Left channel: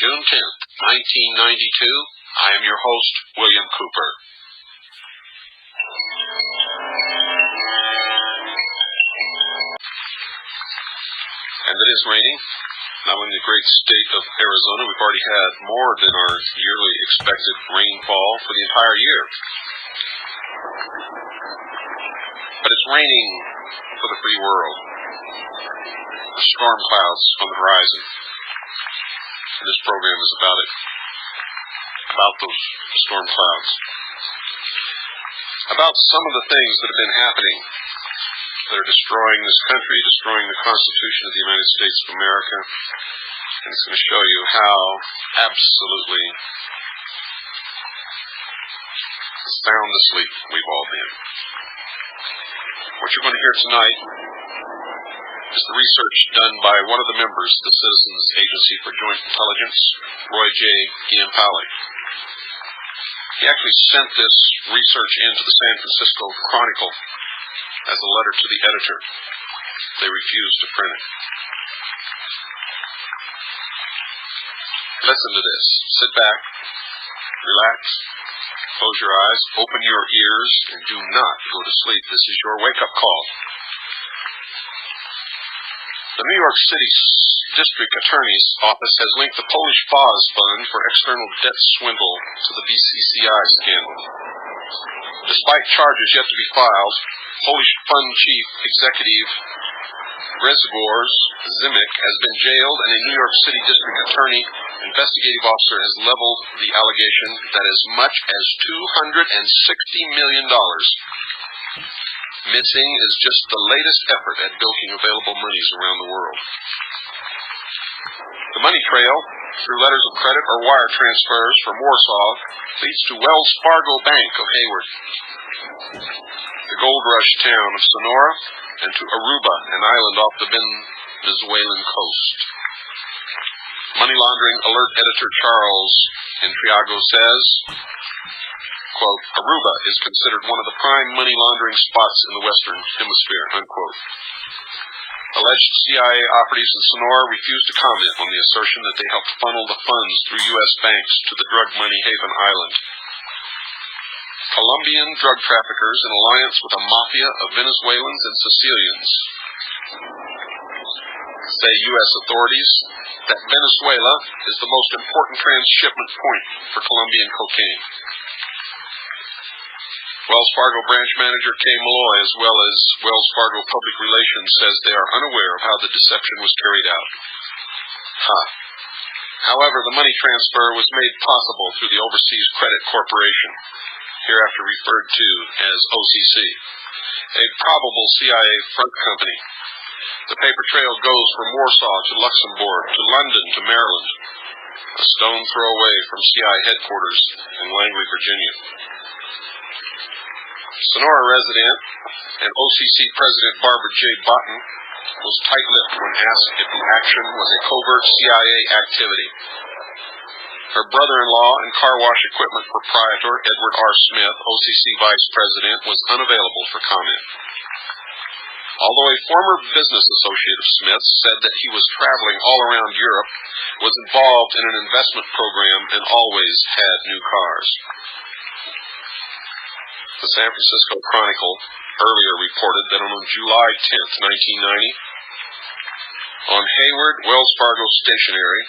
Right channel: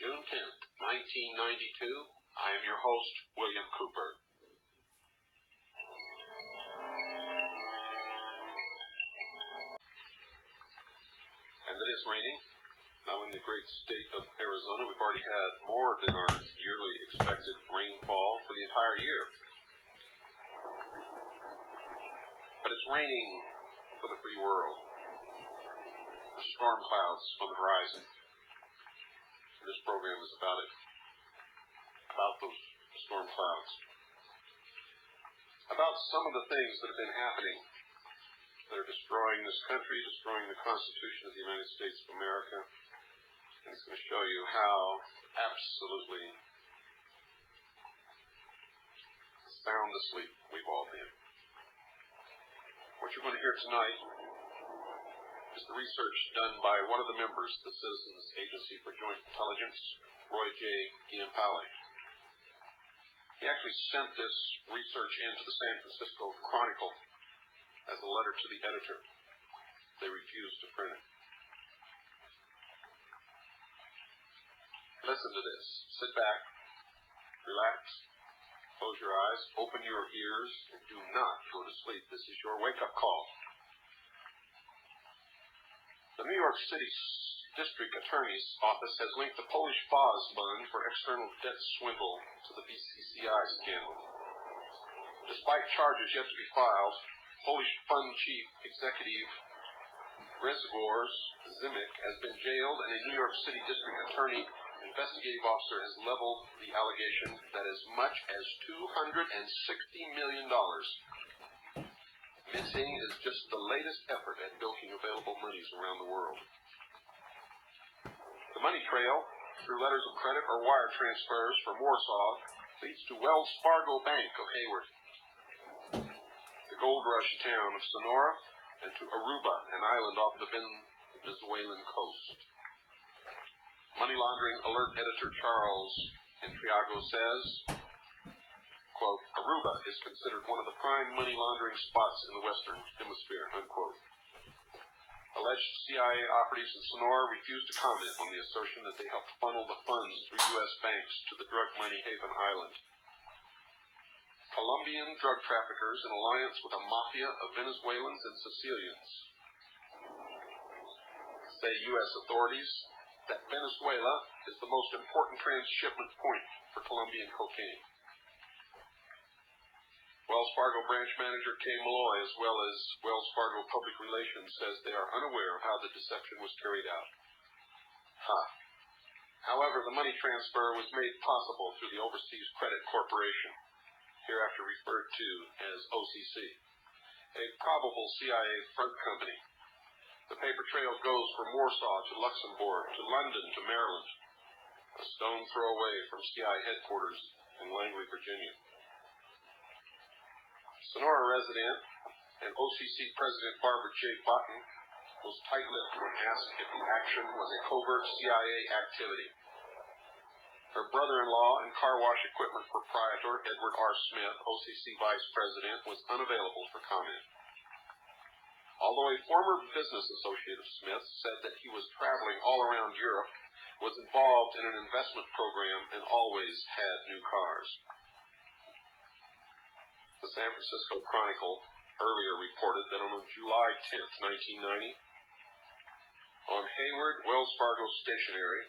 June 10th, 1992. I am your host, William Cooper. And it is raining. Now in the great state of Arizona, we've already had more than our yearly expected rainfall for the entire year. But it's raining for the free world. The storm clouds on the horizon. And this program is about it. About those storm clouds. About some of the things that have been happening that are destroying this country, destroying the Constitution of the United States of America. And it's going to show you how absolutely sound asleep we've all been. What you're going to hear tonight is the research done by one of the members of the Citizens Agency for Joint Intelligence, Roy J. Giampale. He actually sent this research into the San Francisco Chronicle as a letter to the editor. They refused to print it. Listen to this. Sit back, relax, close your eyes, open your ears, and do not go to sleep. This is your wake-up call. The New York City District Attorney's Office has linked the Polish FOS fund for external debt swindle to the BCCI scandal. Despite charges yet to be filed, Polish fund chief executive Grzegorz Zimek has been jailed, and a New York City District Attorney investigative officer has leveled the allegation that as much as $260 million missing is just the latest effort at bilking available monies around the world. The money trail, through letters of credit or wire transfers from Warsaw, leads to Wells Fargo Bank of Hayward, the gold rush town of Sonora, and to Aruba, an island off the Venezuelan coast. Money laundering alert editor Charles Intriago says, quote, Aruba is considered one of the prime money laundering spots in the Western Hemisphere, unquote. Alleged CIA operatives in Sonora refused to comment on the assertion that they helped funnel the funds through U.S. banks to the drug money haven island. Colombian drug traffickers in alliance with a mafia of Venezuelans and Sicilians say U.S. authorities that Venezuela is the most important transshipment point for Colombian cocaine. Wells Fargo branch manager Kay Malloy, as well as Wells Fargo Public Relations, says they are unaware of how the deception was carried out. However, the money transfer was made possible through the Overseas Credit Corporation, hereafter referred to as OCC, a probable CIA front company. The paper trail goes from Warsaw to Luxembourg to London to Maryland, a stone throw away from CIA headquarters in Langley, Virginia. Sonora resident and OCC President Barbara J. Botten was tight-lipped when asked if the action was a covert CIA activity. Her brother-in-law and car wash equipment proprietor, Edward R. Smith, OCC Vice President, was unavailable for comment. Although a former business associate of Smith said that he was traveling all around Europe, was involved in an investment program, and always had new cars. The San Francisco Chronicle earlier reported that on July 10th, 1990, on Hayward Wells Fargo stationery,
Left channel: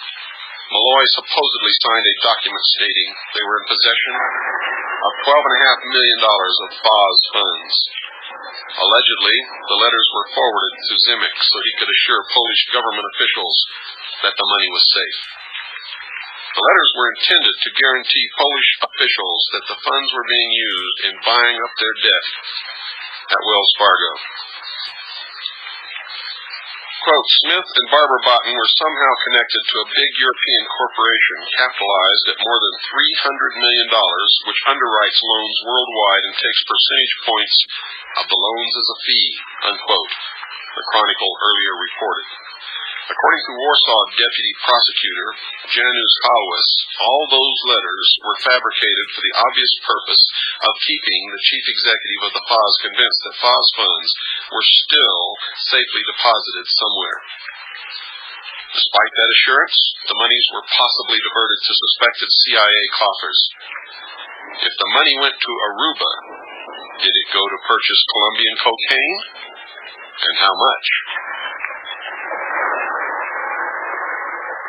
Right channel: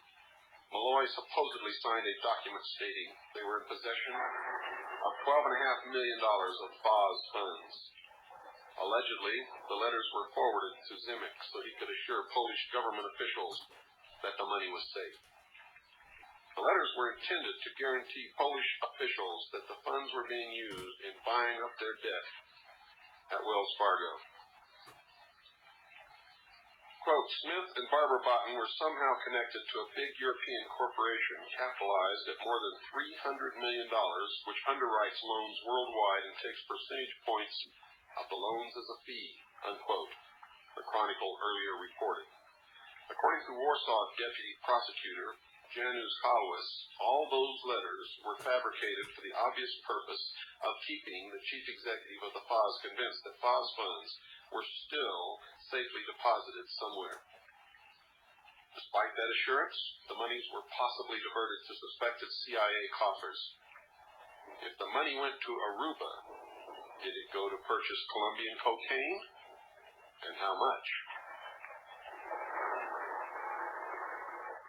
Malloy supposedly signed a document stating they were in possession of $12.5 million of FOS funds. Allegedly, the letters were forwarded to Zimek so he could assure Polish government officials that the money was safe. The letters were intended to guarantee Polish officials that the funds were being used in buying up their debt at Wells Fargo. Quote, Smith and Barbara Botten were somehow connected to a big European corporation capitalized at more than $300 million, which underwrites loans worldwide and takes percentage points of the loans as a fee, unquote, the Chronicle earlier reported. According to Warsaw Deputy Prosecutor Janusz Halwis, all those letters were fabricated for the obvious purpose of keeping the chief executive of the FOS convinced that FOS funds were still safely deposited somewhere. Despite that assurance, the monies were possibly diverted to suspected CIA coffers. If the money went to Aruba, did it go to purchase Colombian cocaine? And how much?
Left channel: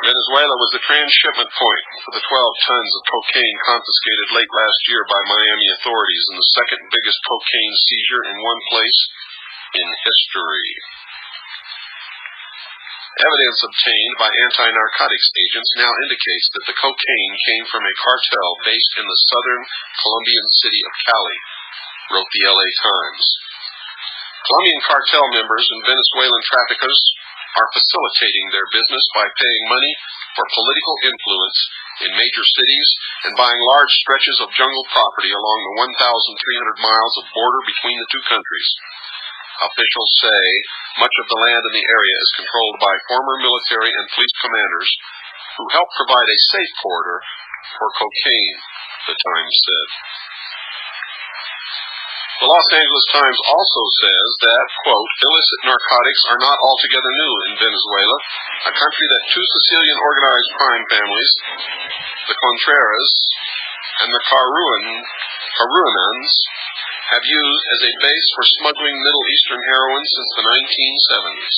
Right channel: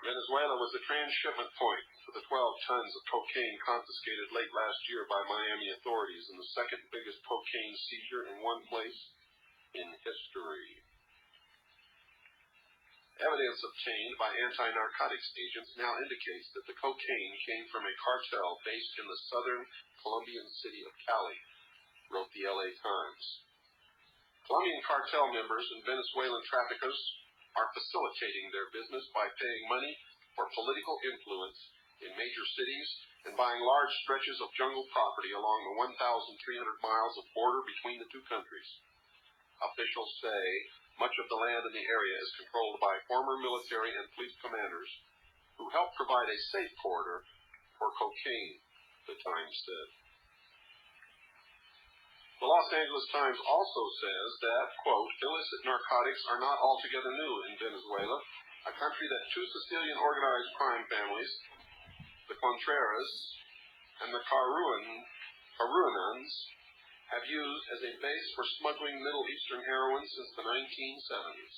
Venezuela was the transshipment point for the 12 tons of cocaine confiscated late last year by Miami authorities, and the second biggest cocaine seizure in one place in history. Evidence obtained by anti-narcotics agents now indicates that the cocaine came from a cartel based in the southern Colombian city of Cali, wrote the LA Times. Colombian cartel members and Venezuelan traffickers are facilitating their business by paying money for political influence in major cities and buying large stretches of jungle property along the 1,300 miles of border between the two countries. Officials say much of the land in the area is controlled by former military and police commanders who help provide a safe corridor for cocaine, the Times said. The Los Angeles Times also says that, quote, illicit narcotics are not altogether new in Venezuela, a country that two Sicilian organized crime families, the Contreras and the Caruanans, have used as a base for smuggling Middle Eastern heroin since the 1970s.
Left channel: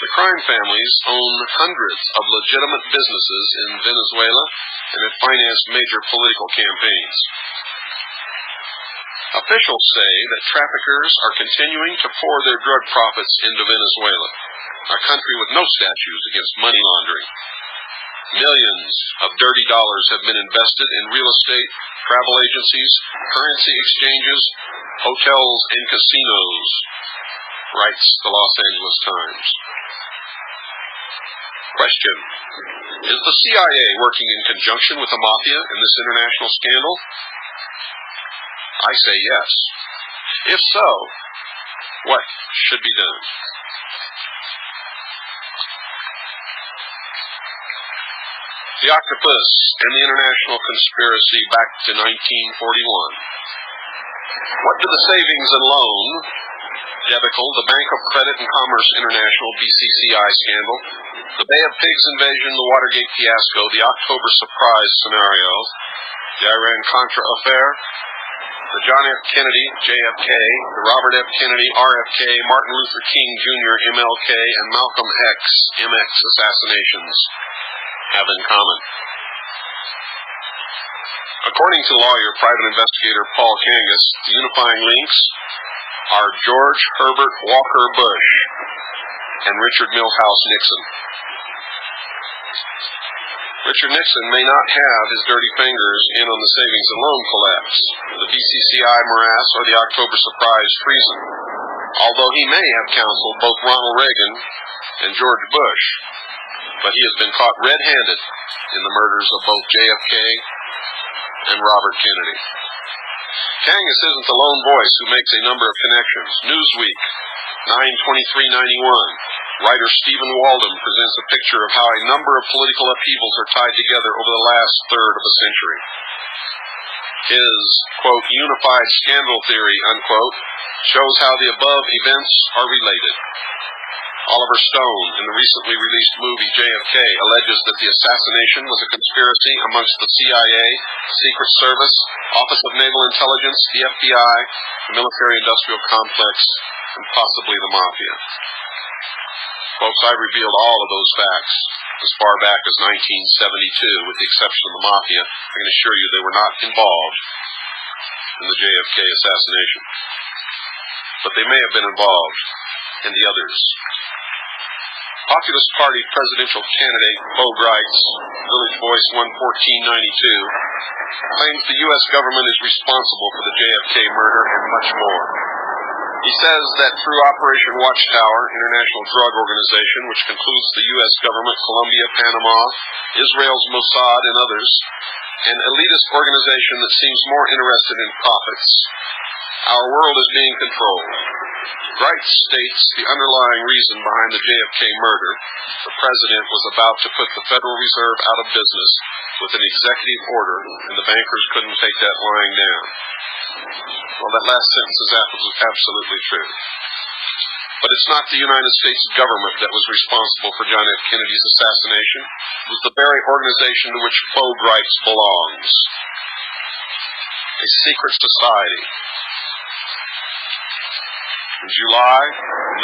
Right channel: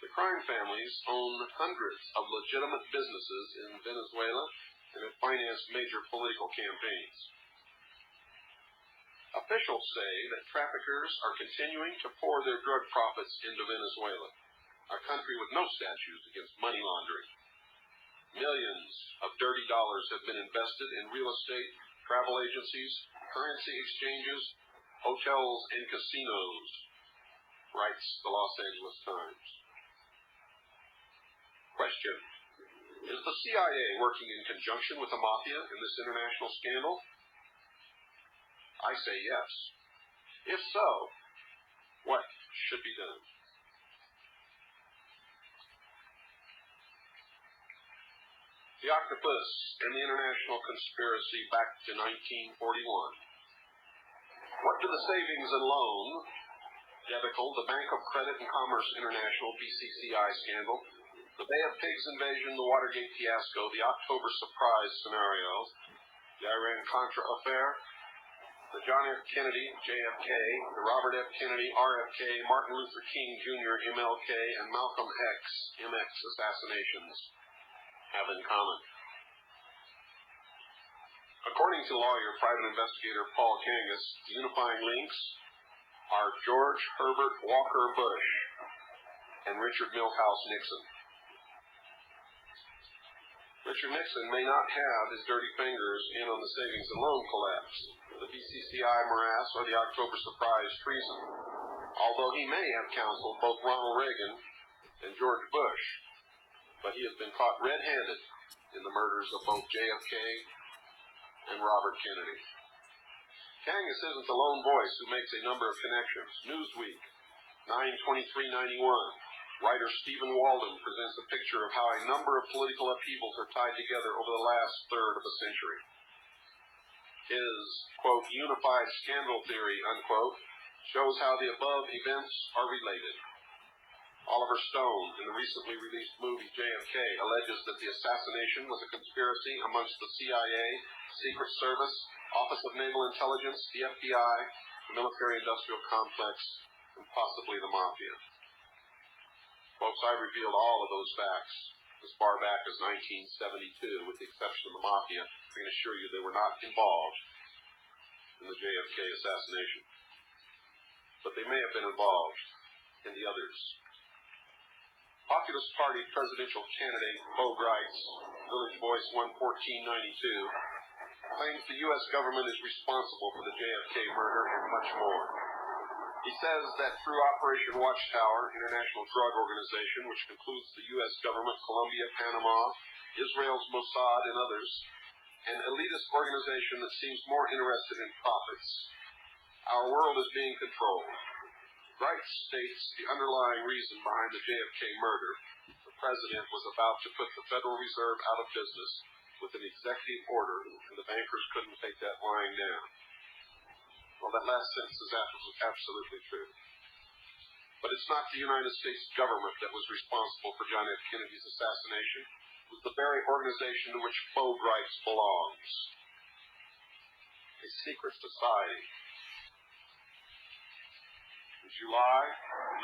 The crime families own hundreds of legitimate businesses in Venezuela and have financed major political campaigns. Officials say that traffickers are continuing to pour their drug profits into Venezuela, a country with no statutes against money laundering. Millions of dirty dollars have been invested in real estate, travel agencies, currency exchanges, hotels, and casinos, writes the Los Angeles Times. Question: is the CIA working in conjunction with the mafia in this international scandal? I say yes. If so, what should be done? The octopus and the international conspiracy back to 1941. What did the savings and loan debacle, the Bank of Credit and Commerce International BCCI scandal, the Bay of Pigs invasion, the Watergate fiasco, the October surprise scenario, the Iran-Contra affair, the John F. Kennedy, JFK, the Robert F. Kennedy, RFK, Martin Luther King Jr., MLK, and Malcolm X, MX assassinations have in common? According to lawyer, private investigator Paul Kangas, the unifying links are George Herbert Walker Bush and Richard Milhouse Nixon. Richard Nixon may not have his dirty fingers in on the savings and loan collapse, the BCCI morass, or the October surprise treason, although he may have counseled both Ronald Reagan and George Bush, but he has been caught red-handed in the murders of both JFK and Robert Kennedy. Kangas isn't the lone voice who makes a number of connections. Newsweek, 9/23/91. Writer Stephen Waldom presents a picture of how a number of political upheavals are tied together over the last third of a century. His, quote, unified scandal theory, unquote, shows how the above events are related. Oliver Stone, in the recently released movie JFK, alleges that the assassination was a conspiracy amongst the CIA, Secret Service, Office of Naval Intelligence, the FBI, the military-industrial complex, and possibly the mafia. Folks, I revealed all of those facts as far back as 1972, with the exception of the mafia. I can assure you they were not involved in the JFK assassination. But they may have been involved in the others. Populist Party presidential candidate Bo Gritz, Village Voice 11492, claims the U.S. government is responsible for the JFK murder and much more. He says that through Operation Watchtower, international drug organization, which concludes the U.S. government, Colombia, Panama, Israel's Mossad, and others, an elitist organization that seems more interested in profits, our world is being controlled. Gritz states the underlying reason behind the JFK murder: the president was about to put the Federal Reserve out of business with an executive order, and the bankers couldn't take that lying down. Well, that last sentence is absolutely true. But it's not the United States government that was responsible for John F. Kennedy's assassination. It was the very organization to which Bo Gritz belongs. A secret society. In July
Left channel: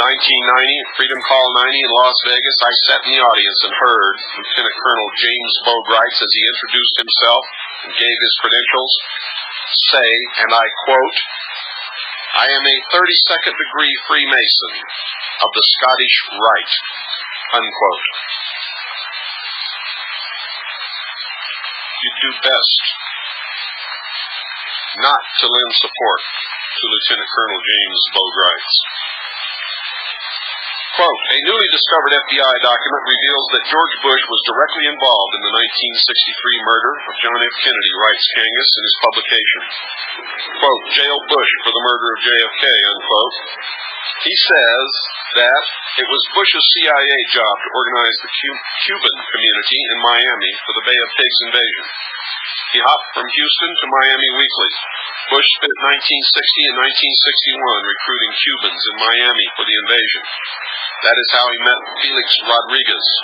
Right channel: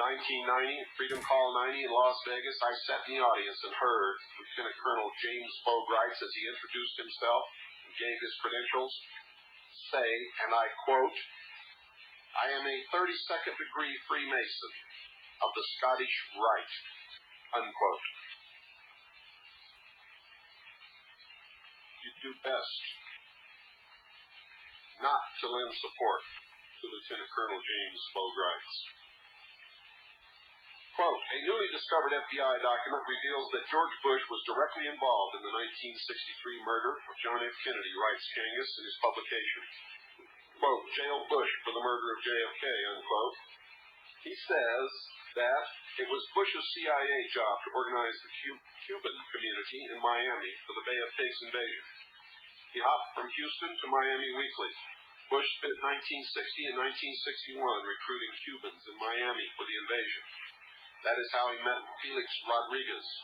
1990, at Freedom Call 90 in Las Vegas, I sat in the audience and heard Lieutenant Colonel James Bo Gritz, as he introduced himself and gave his credentials, say, and I quote, "I am a 32nd degree Freemason of the Scottish Rite," unquote. You'd do best not to lend support to Lieutenant Colonel James Bo Gritz. Quote, "A newly discovered FBI document reveals that George Bush was directly involved in the 1963 murder of John F. Kennedy," writes Kangas in his publication. Quote, "Jail Bush for the murder of JFK," unquote. He says that it was Bush's CIA job to organize the Cuban community in Miami for the Bay of Pigs invasion. He hopped from Houston to Miami weekly. Bush spent 1960 and 1961 recruiting Cubans in Miami for the invasion. That is how he met Felix Rodriguez.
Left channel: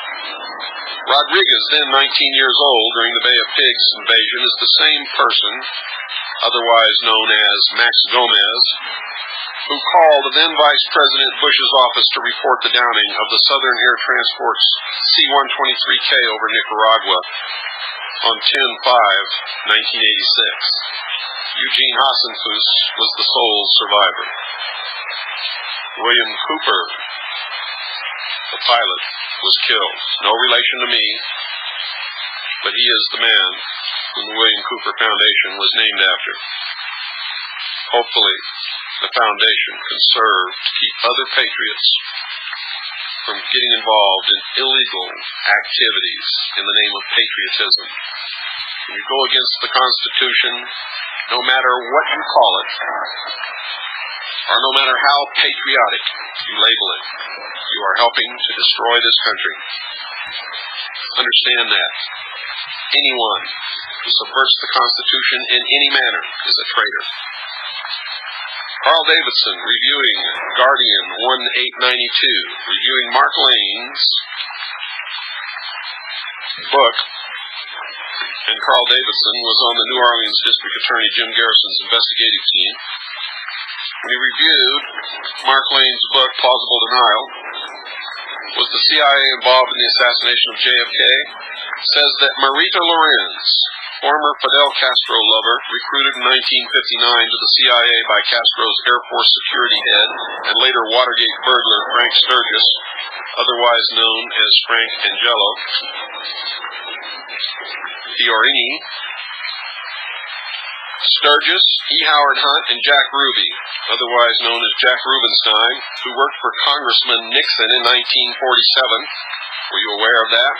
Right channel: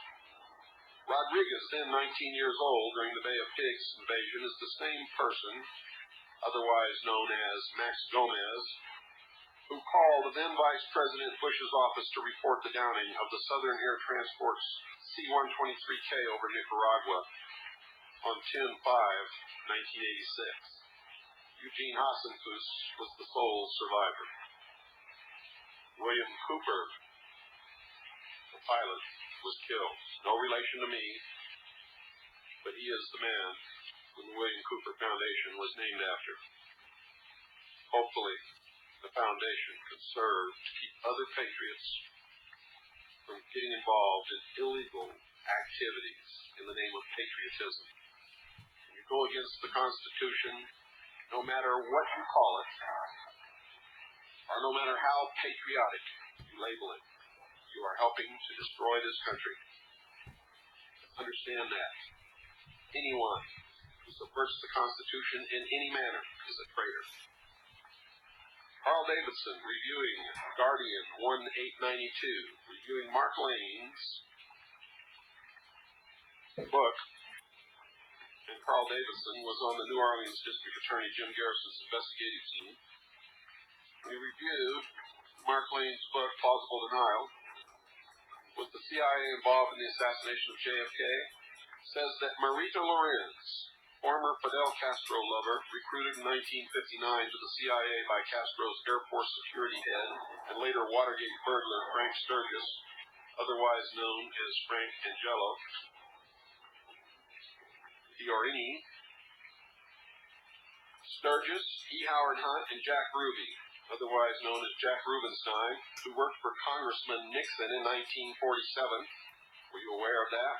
Rodriguez, then 19 years old during the Bay of Pigs invasion, is the same person, otherwise known as Max Gomez, who called then Vice President Bush's office to report the downing of the Southern Air Transport's C-123K over Nicaragua on 10/5/1986. Eugene Hassenfuss was the sole survivor. William Cooper, the pilot, was killed. No relation to me, but he is the man whom the William Cooper Foundation was named after. Hopefully, the foundation can serve to keep other patriots from getting involved in illegal activities in the name of patriotism. When you go against the Constitution, no matter what you call it, or no matter how patriotic you label it, you are helping to destroy this country. Understand that. Anyone who subverts the Constitution in any manner is a traitor. Carl Davidson, reviewing Guardian 1892, reviewing Mark Lane's book, and Carl Davidson was on the New Orleans District Attorney Jim Garrison's investigative team. When he reviewed Mark Lane's book, Plausible Denial, was the CIA involved in the assassination of JFK, says that Marita Lorenz, former Fidel Castro lover, recruited in 1959 to the CIA by Castro's Air Force security head and later Watergate burglar Frank Sturgis, otherwise known as Frank Angelo Fiorini. Sturgis, E. Howard Hunt, and Jack Ruby, otherwise known as Jack Rubenstein, who worked for Congressman Nixon in 1947. Were you aware of that?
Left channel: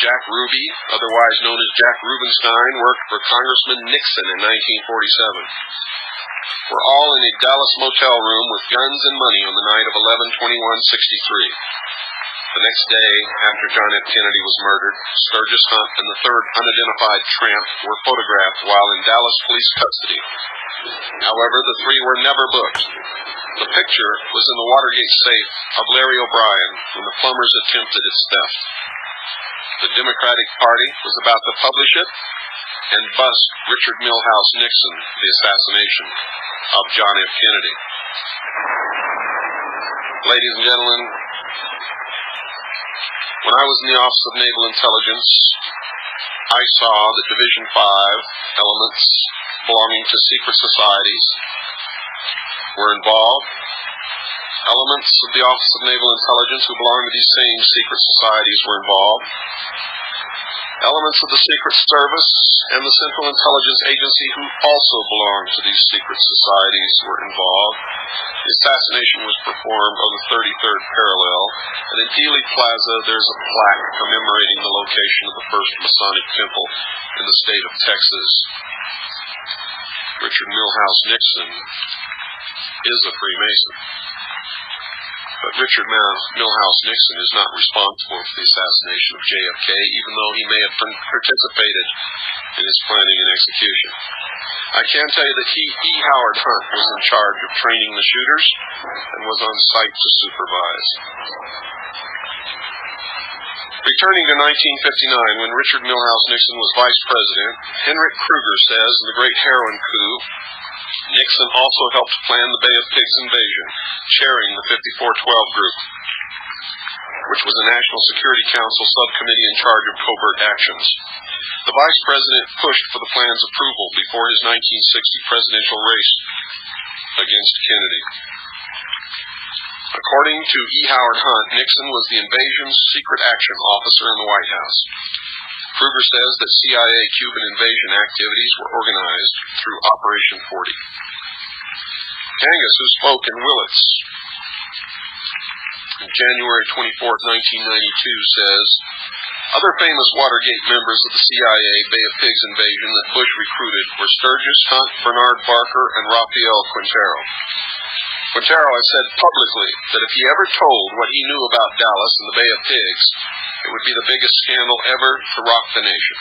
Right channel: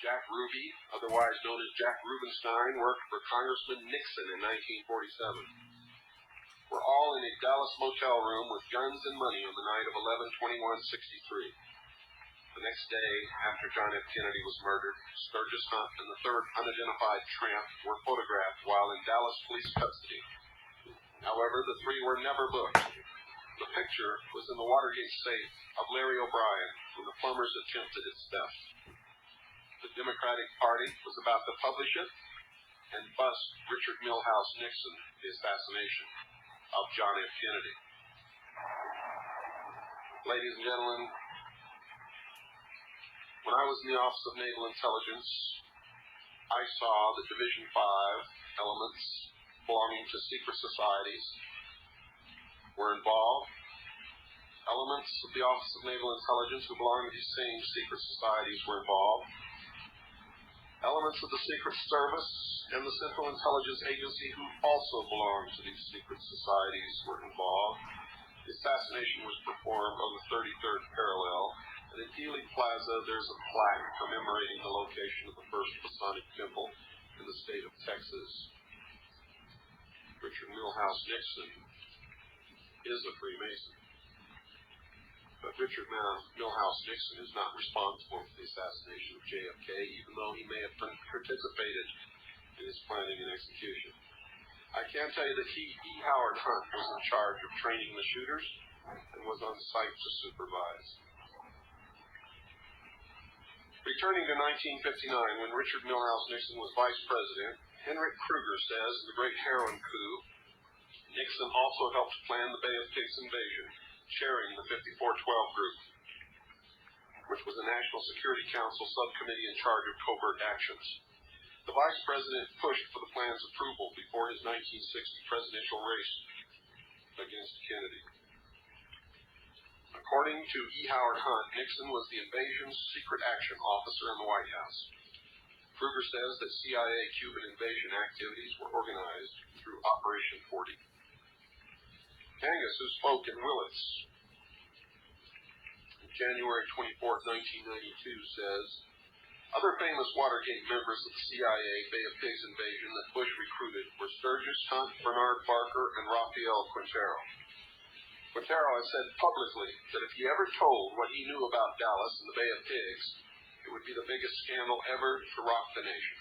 Jack Ruby, otherwise known as Jack Rubenstein, worked for Congressman Nixon in 1947. We're all in a Dallas motel room with guns and money on the night of 11/21/63. The next day, after John F. Kennedy was murdered, Sturgis, Hunt, and the third unidentified tramp were photographed while in Dallas police custody. However, the three were never booked. The picture was in the Watergate safe of Larry O'Brien when the plumbers attempted its theft. The Democratic Party was about to publish it and bust Richard Milhouse Nixon, the assassination of John F. Kennedy. Ladies and gentlemen, when I was in the Office of Naval Intelligence, I saw that Division 5 elements belonging to secret societies were involved Elements of the Office of Naval Intelligence who belong to these same secret societies were involved. Elements of the Secret Service and the Central Intelligence Agency who also belonged to these secret societies were involved. The assassination was performed on the 33rd parallel, and in Dealey Plaza there's a plaque commemorating the location of the first Masonic temple in the state of Texas. Richard Milhous Nixon is a Freemason. But Richard Milhous Nixon is not responsible for the assassination of JFK, even though he may have participated in his planning and execution. I can tell you that E. Howard Hunt was in charge of training the shooters and was on site to supervise. Returning to 1959, when Richard Milhous Nixon was vice president, Henrik Kruger says in the Great Heroin Coup, Nixon also helped plan the Bay of Pigs invasion, chairing the 5412 group, which was a National Security Council subcommittee in charge of covert actions. The vice president pushed for the plan's approval before his 1960 presidential race against Kennedy. According to E. Howard Hunt, Nixon was the invasion's secret action officer in the White House. Kruger says that CIA Cuban invasion activities were organized through Operation 40. Kangas, who spoke in Willits on January 24, 1992, says, other famous Watergate members of the CIA Bay of Pigs invasion that Bush recruited were Sturgis, Hunt, Bernard Barker, and Rafael Quintero. Quintero has said publicly that if he ever told what he knew about Dallas and the Bay of Pigs, it would be the biggest scandal ever to rock the nation.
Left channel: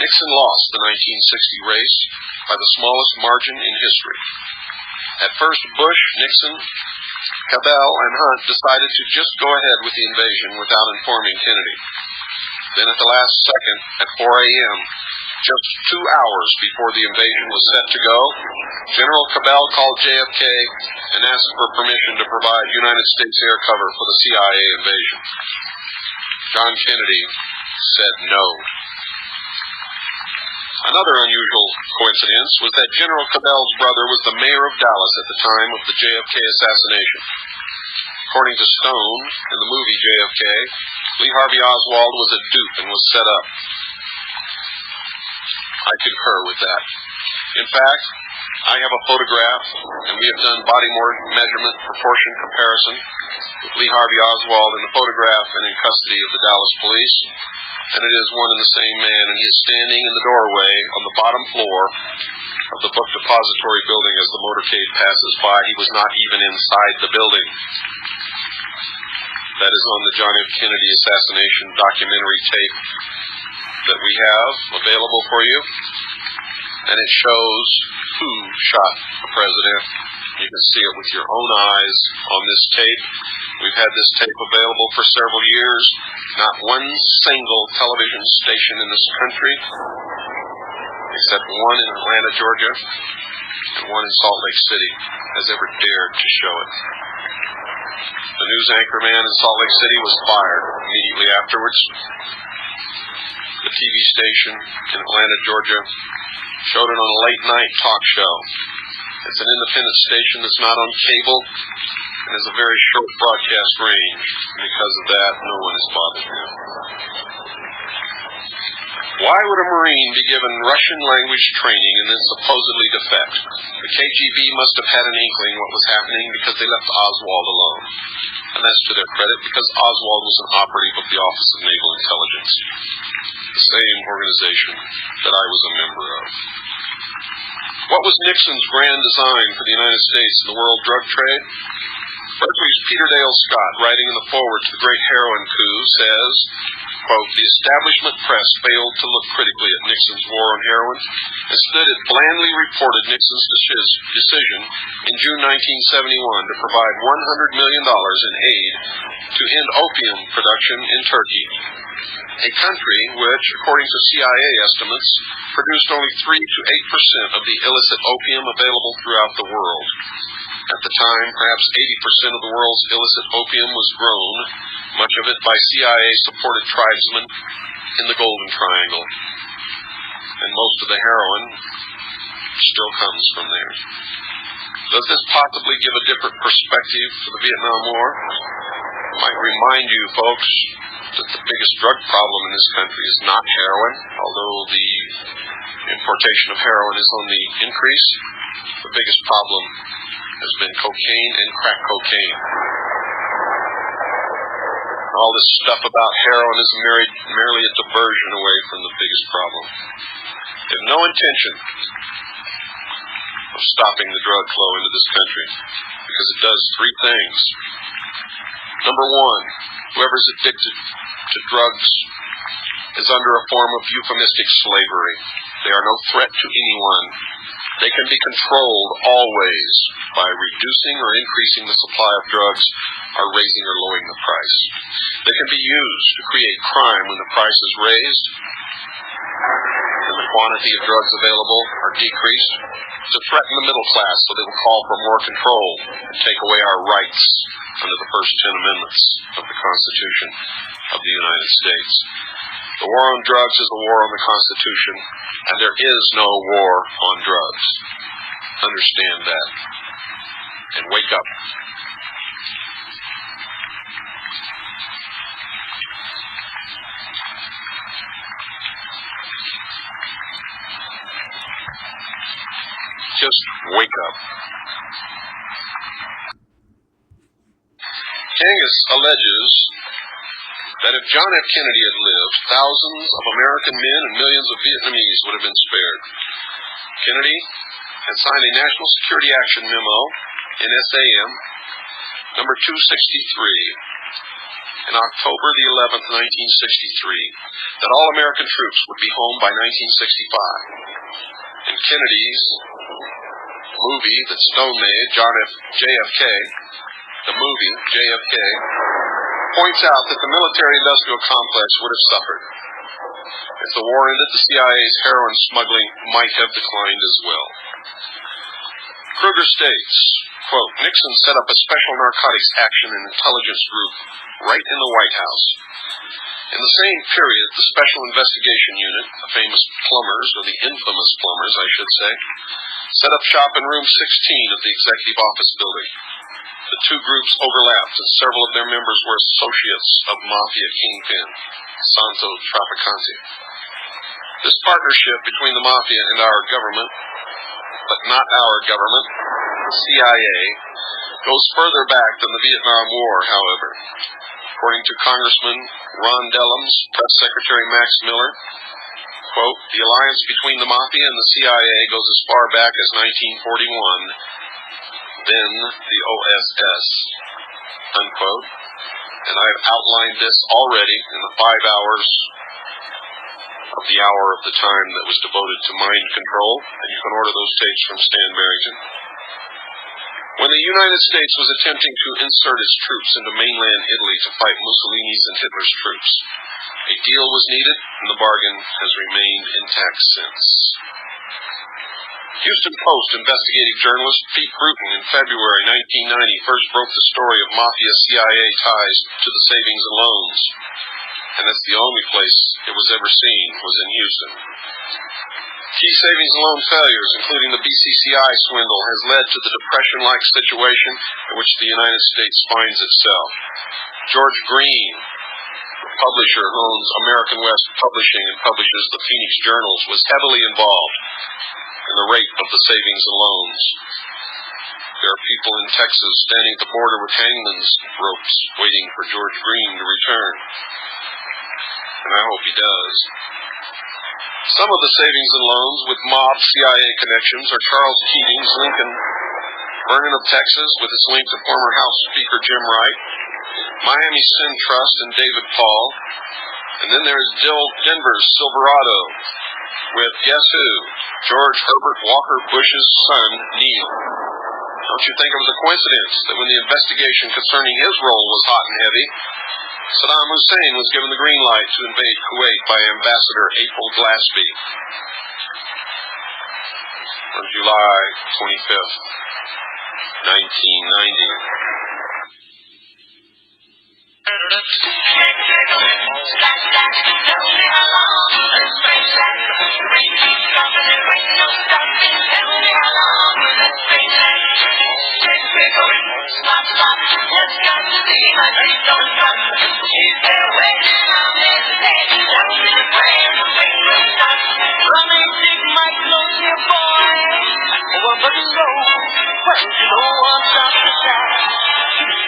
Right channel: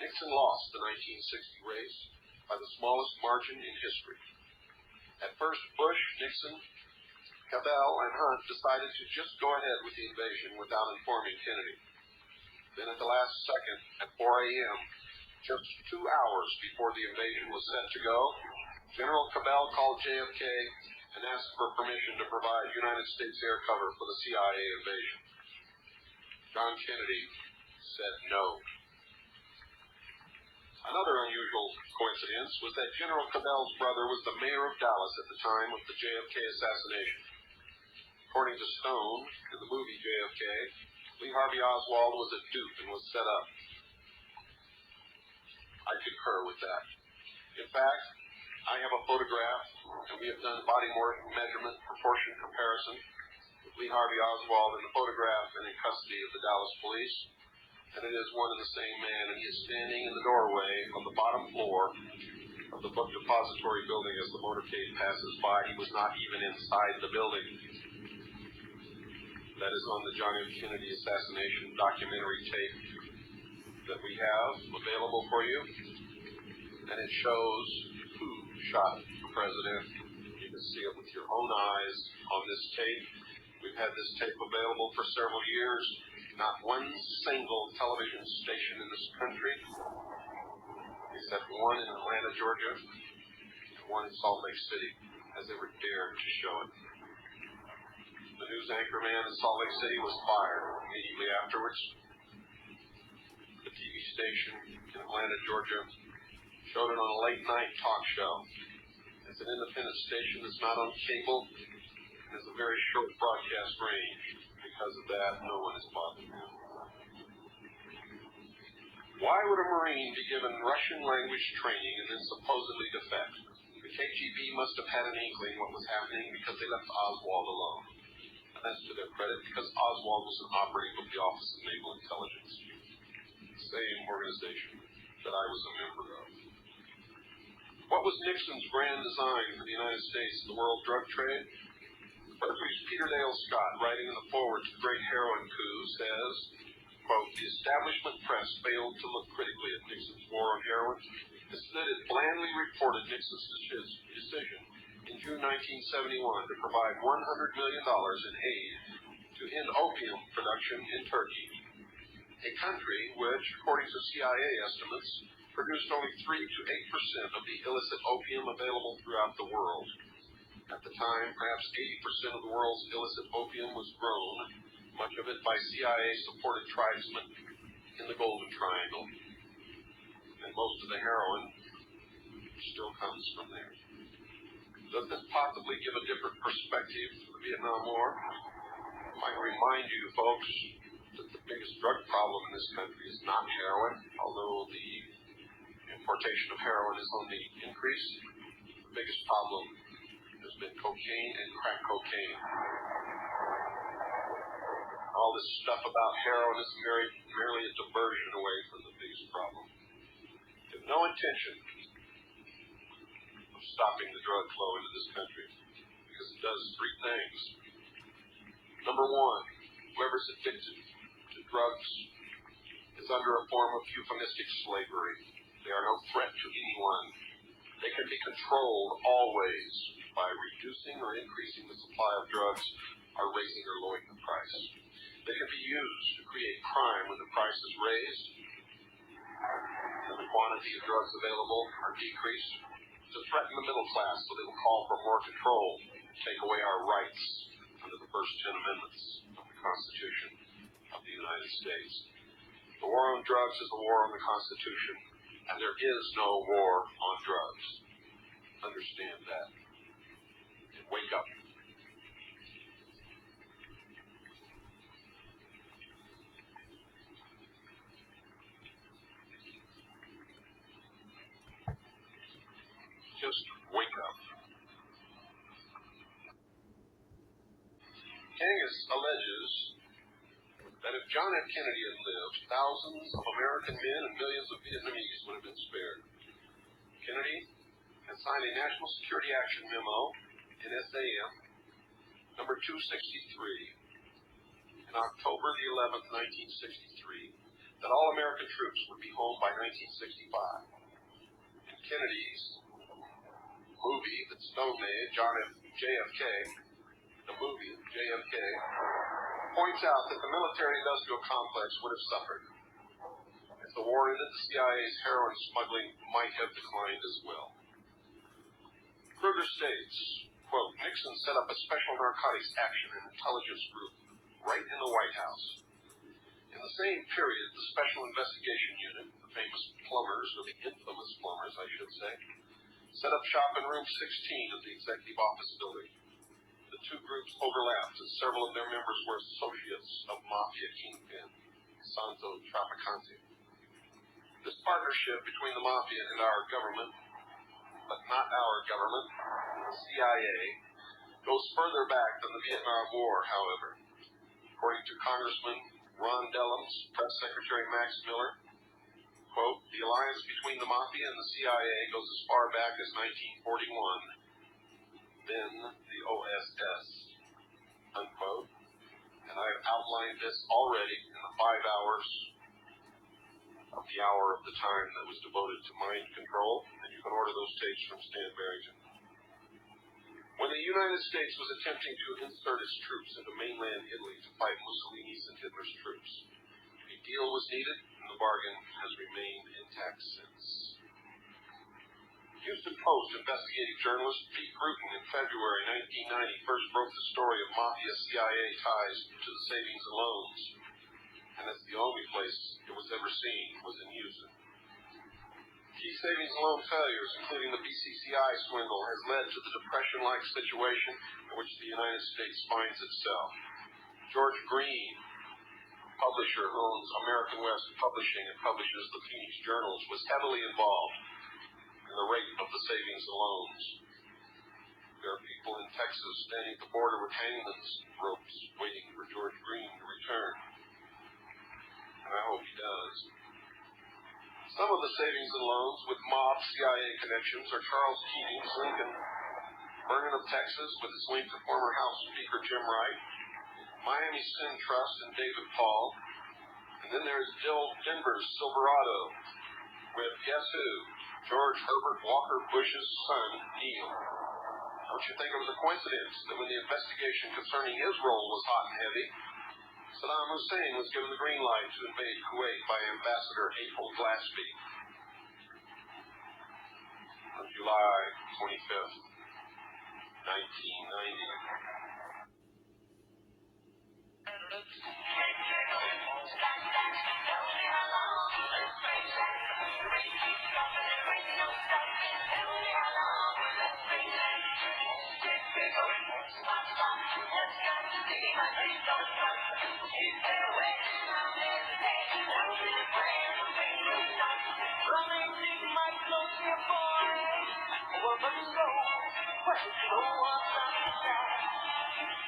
Nixon lost the 1960 race by the smallest margin in history. At first, Bush, Nixon, Cabell, and Hunt decided to just go ahead with the invasion without informing Kennedy. Then at the last second, at 4 a.m., just 2 hours before the invasion was set to go, General Cabell called JFK and asked for permission to provide United States air cover for the CIA invasion. John Kennedy said no. Another unusual coincidence was that General Cabell's brother was the mayor of Dallas at the time of the JFK assassination. According to Stone, in the movie JFK, Lee Harvey Oswald was a dupe and was set up. I concur with that. In fact, I have a photograph, and we have done body measurement proportion comparison with Lee Harvey Oswald in the photograph and in custody of the Dallas police, and it is one and the same man, and he is standing in the doorway on the bottom floor of the book depository building as the motorcade passes by. He was not even inside the building. That is on the John F. Kennedy assassination documentary tape that we have available for you, and it shows who shot the president. You can see it with your own eyes on this tape. We've had this tape available for several years. Not one single television station in this country, except one in Atlanta, Georgia, and one in Salt Lake City, has ever dared to show it. The news anchorman in Salt Lake City was fired immediately afterwards. The TV station in Atlanta, Georgia, showed it on a late-night talk show. It's an independent station that's not on cable and has a very short broadcast range. And because of that, no one is bothered now. Why would a Marine be given Russian language training and then supposedly defect? The KGB must have had an inkling what was happening because they left Oswald alone. And that's to their credit, because Oswald was an operative of the Office of Naval Intelligence, the same organization that I was a member of. What was Nixon's grand design for the United States and the world drug trade? Berkeley's Peter Dale Scott, writing in the foreword to the Great Heroin Coup, says, quote, the establishment press failed to look critically at Nixon's war on heroin. Instead, it blandly reported Nixon's decision in June 1971 to provide $100 million in aid to end opium production in Turkey, a country which, according to CIA estimates, produced only 3 to 8% of the illicit opium available throughout the world. At the time, perhaps 80% of the world's illicit opium was grown, much of it by CIA-supported tribesmen in the Golden Triangle. And most of the heroin still comes from there. Does this possibly give a different perspective for the Vietnam War? I might remind you, folks, that the biggest drug problem in this country is not heroin, although the importation of heroin is on the increase. The biggest problem has been cocaine and crack cocaine. All this stuff about heroin is merely a diversion away from the biggest problem. They have no intention of stopping the drug flow into this country because it does three things. Number one, whoever's addicted to drugs is under a form of euphemistic slavery. They are no threat to anyone. They can be controlled always by reducing or increasing the supply of drugs or raising or lowering the price. They can be used to create crime when the price is raised and the quantity of drugs available are decreased, to threaten the middle class so they will call for more control and take away our rights under the first 10 amendments of the Constitution of the United States. The war on drugs is a war on the Constitution, and there is no war on drugs. Understand that. And wake up. Just wake up. Kangas alleges that if John F. Kennedy had lived, thousands of American men and millions of Vietnamese would have been spared. Kennedy had signed a National Security Action Memo, NSAM, number 263, in October the 11th, 1963, that all American troops would be home by 1965. And Kennedy's movie that Stone made, JFK, the movie JFK, points out that the military-industrial complex would have suffered. If the war ended, the CIA's heroin smuggling might have declined as well. Kruger states, quote, Nixon set up a special narcotics action and intelligence group right in the White House. In the same period, the Special Investigation Unit, the famous plumbers, or the infamous plumbers, I should say, set up shop in room 16 of the Executive Office building. The two groups overlapped, and several of their members were associates of Mafia kingpin, Santo Trafficante. This partnership between the Mafia and our government, but not our government, the CIA, goes further back than the Vietnam War, however. According to Congressman Ron Dellums, Press Secretary Max Miller, quote, the alliance between the Mafia and the CIA goes as far back as 1941, then the OSS, unquote. And I've outlined this already in the 5 hours of the hour of the time that was devoted to mind control, and you can order those tapes from Stan Barrington. When the United States was attempting to insert its troops into mainland Italy to fight Mussolini's and Hitler's troops, a deal was needed, and the bargain has remained intact since. Houston Post investigative journalist Pete Bruton in February 1990 first broke the story of Mafia CIA ties to the savings and loans, and that's the only place it was ever seen was in Houston. Key savings and loan failures, including the BCCI swindle, has led to the depression-like situation in which the United States finds itself. George Green, the publisher who owns American West Publishing and publishes the Phoenix Journals, was heavily involved in the rape of the savings and loans. There are people in Texas standing at the border with hangman's ropes waiting for George Green to return. And I hope he does. Some of the savings and loans with mob CIA connections are Charles Keating's Lincoln, Vernon of Texas with its link to former House Speaker Jim Wright, Miami Sin Trust and David Paul, and then there's Denver's Silverado with, guess who? George Herbert Walker Bush's son, Neil. Don't you think it was a coincidence that when the investigation concerning his role was hot and heavy, Saddam Hussein was given the green light to invade Kuwait by Ambassador April Glaspie on July 25th, 1990. don't trust. She's there waiting on this day. Tell me the plan to bring the sun. Romantic my close dear boy. Oh, but no, well, you know what's up to that.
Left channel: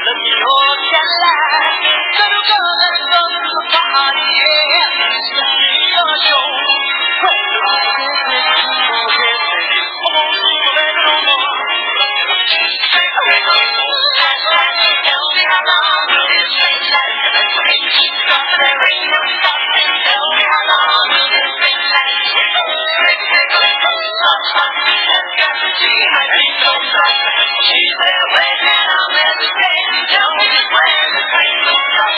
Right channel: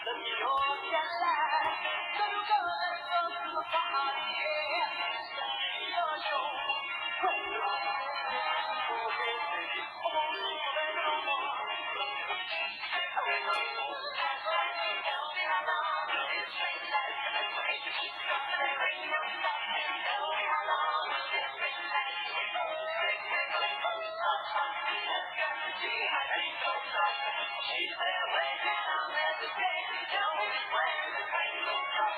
Let me all get light. Little girl, let's go to the party, yeah. Let me your show. Well, tell me how long will this thing last? Make me stop, there ain't no stopping. Tell me how long will this thing last? Just got to see my feet don't stop. She's there waiting on every day. Tell me just where the train will stop.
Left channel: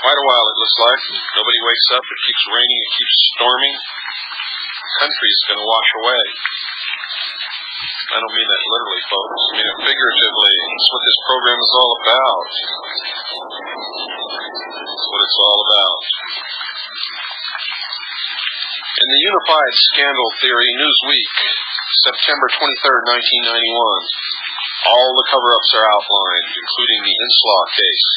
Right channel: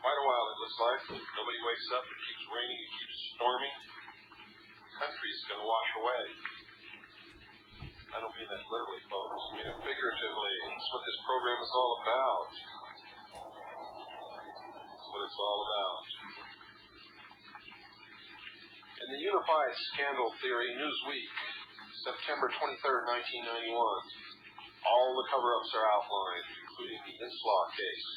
Quite a while, it looks like. Nobody wakes up. It keeps raining. It keeps storming. The country's going to wash away. I don't mean that literally, folks. I mean it figuratively. That's what this program is all about. That's what it's all about. In the Unified Scandal Theory Newsweek, September 23rd, 1991, all the cover-ups are outlined, including the Inslaw case.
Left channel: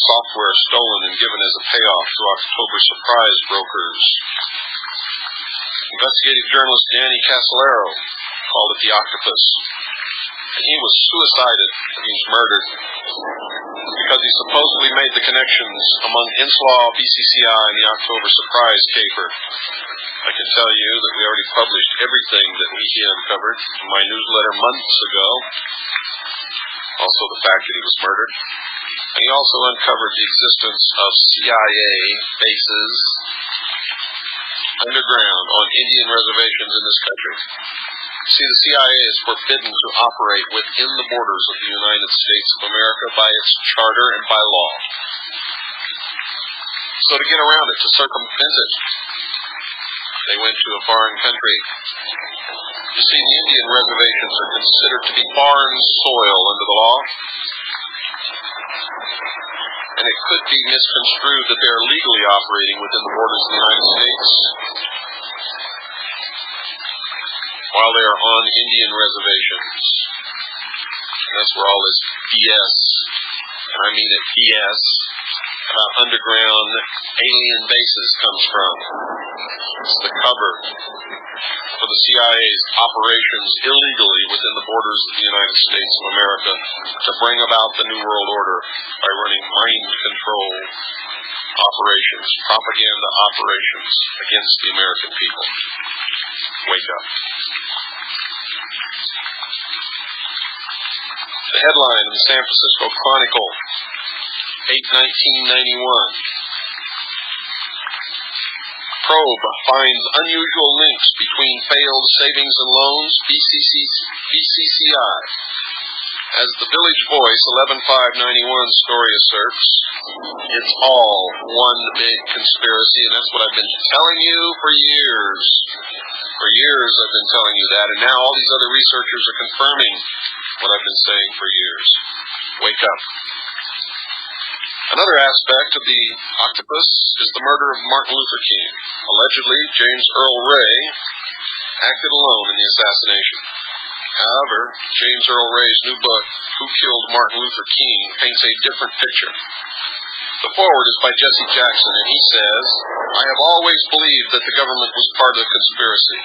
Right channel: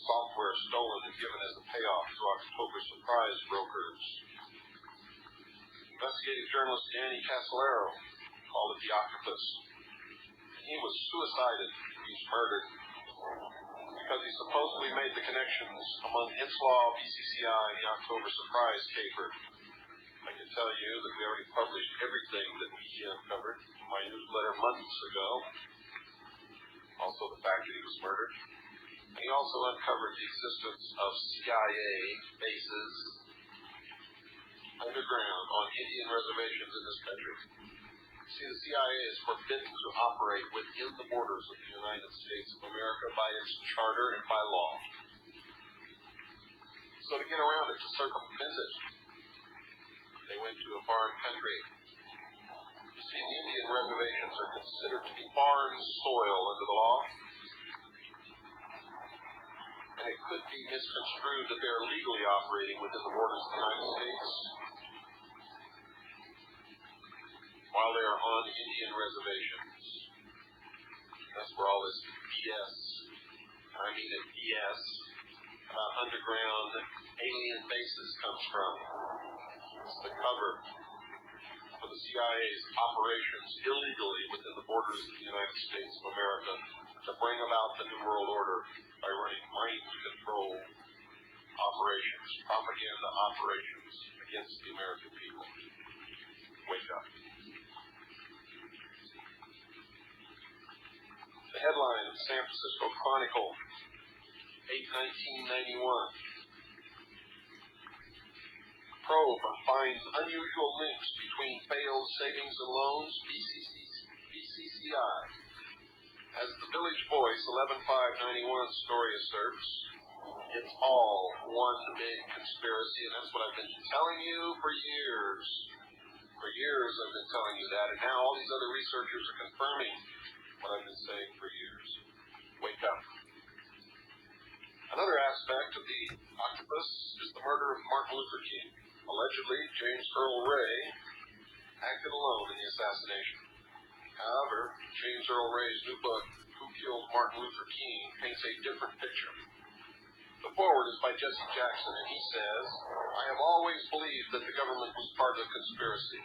Software stolen and given as a payoff to October surprise brokers. Investigative journalist Danny Casolaro called it the octopus. And he was suicided. He was murdered because he supposedly made the connections among Inslaw, BCCI, and the October surprise caper. I can tell you that we already published everything that he uncovered in my newsletter months ago. Also the fact that he was murdered. And he also uncovered the existence of CIA bases underground on Indian reservations in this country. See, the CIA is forbidden to operate within the borders of the United States of America by its charter and by law. So to get around it, to circumvent it, they went to a foreign country. You see, the Indian reservations are considered to be foreign soil under the law. And it could be misconstrued that they're legally operating within the borders of the United States while they are on Indian reservations. And that's where all this BS, and I mean it BS, about underground alien bases comes from. It's the cover for the CIA's operations illegally within the borders of the United States of America to bring about the New World Order by running mind control operations, propaganda operations against the American people. Wake up. The headline in the San Francisco Chronicle, 8/1991. Probe finds unusual links between failed savings and loans, BCCI. As the Village Voice 11/5/91 story asserts, it's all one big conspiracy, and that's what I've been telling you for years. For years I've been telling you that, and now all these other researchers are confirming what I've been saying for years. Wake up. Another aspect of the octopus is the murder of Martin Luther King. Allegedly, James Earl Ray acted alone in the assassination. However, James Earl Ray's new book, Who Killed Martin Luther King, paints a different picture. The foreword is by Jesse Jackson, and he says, I have always believed that the government was part of the conspiracy,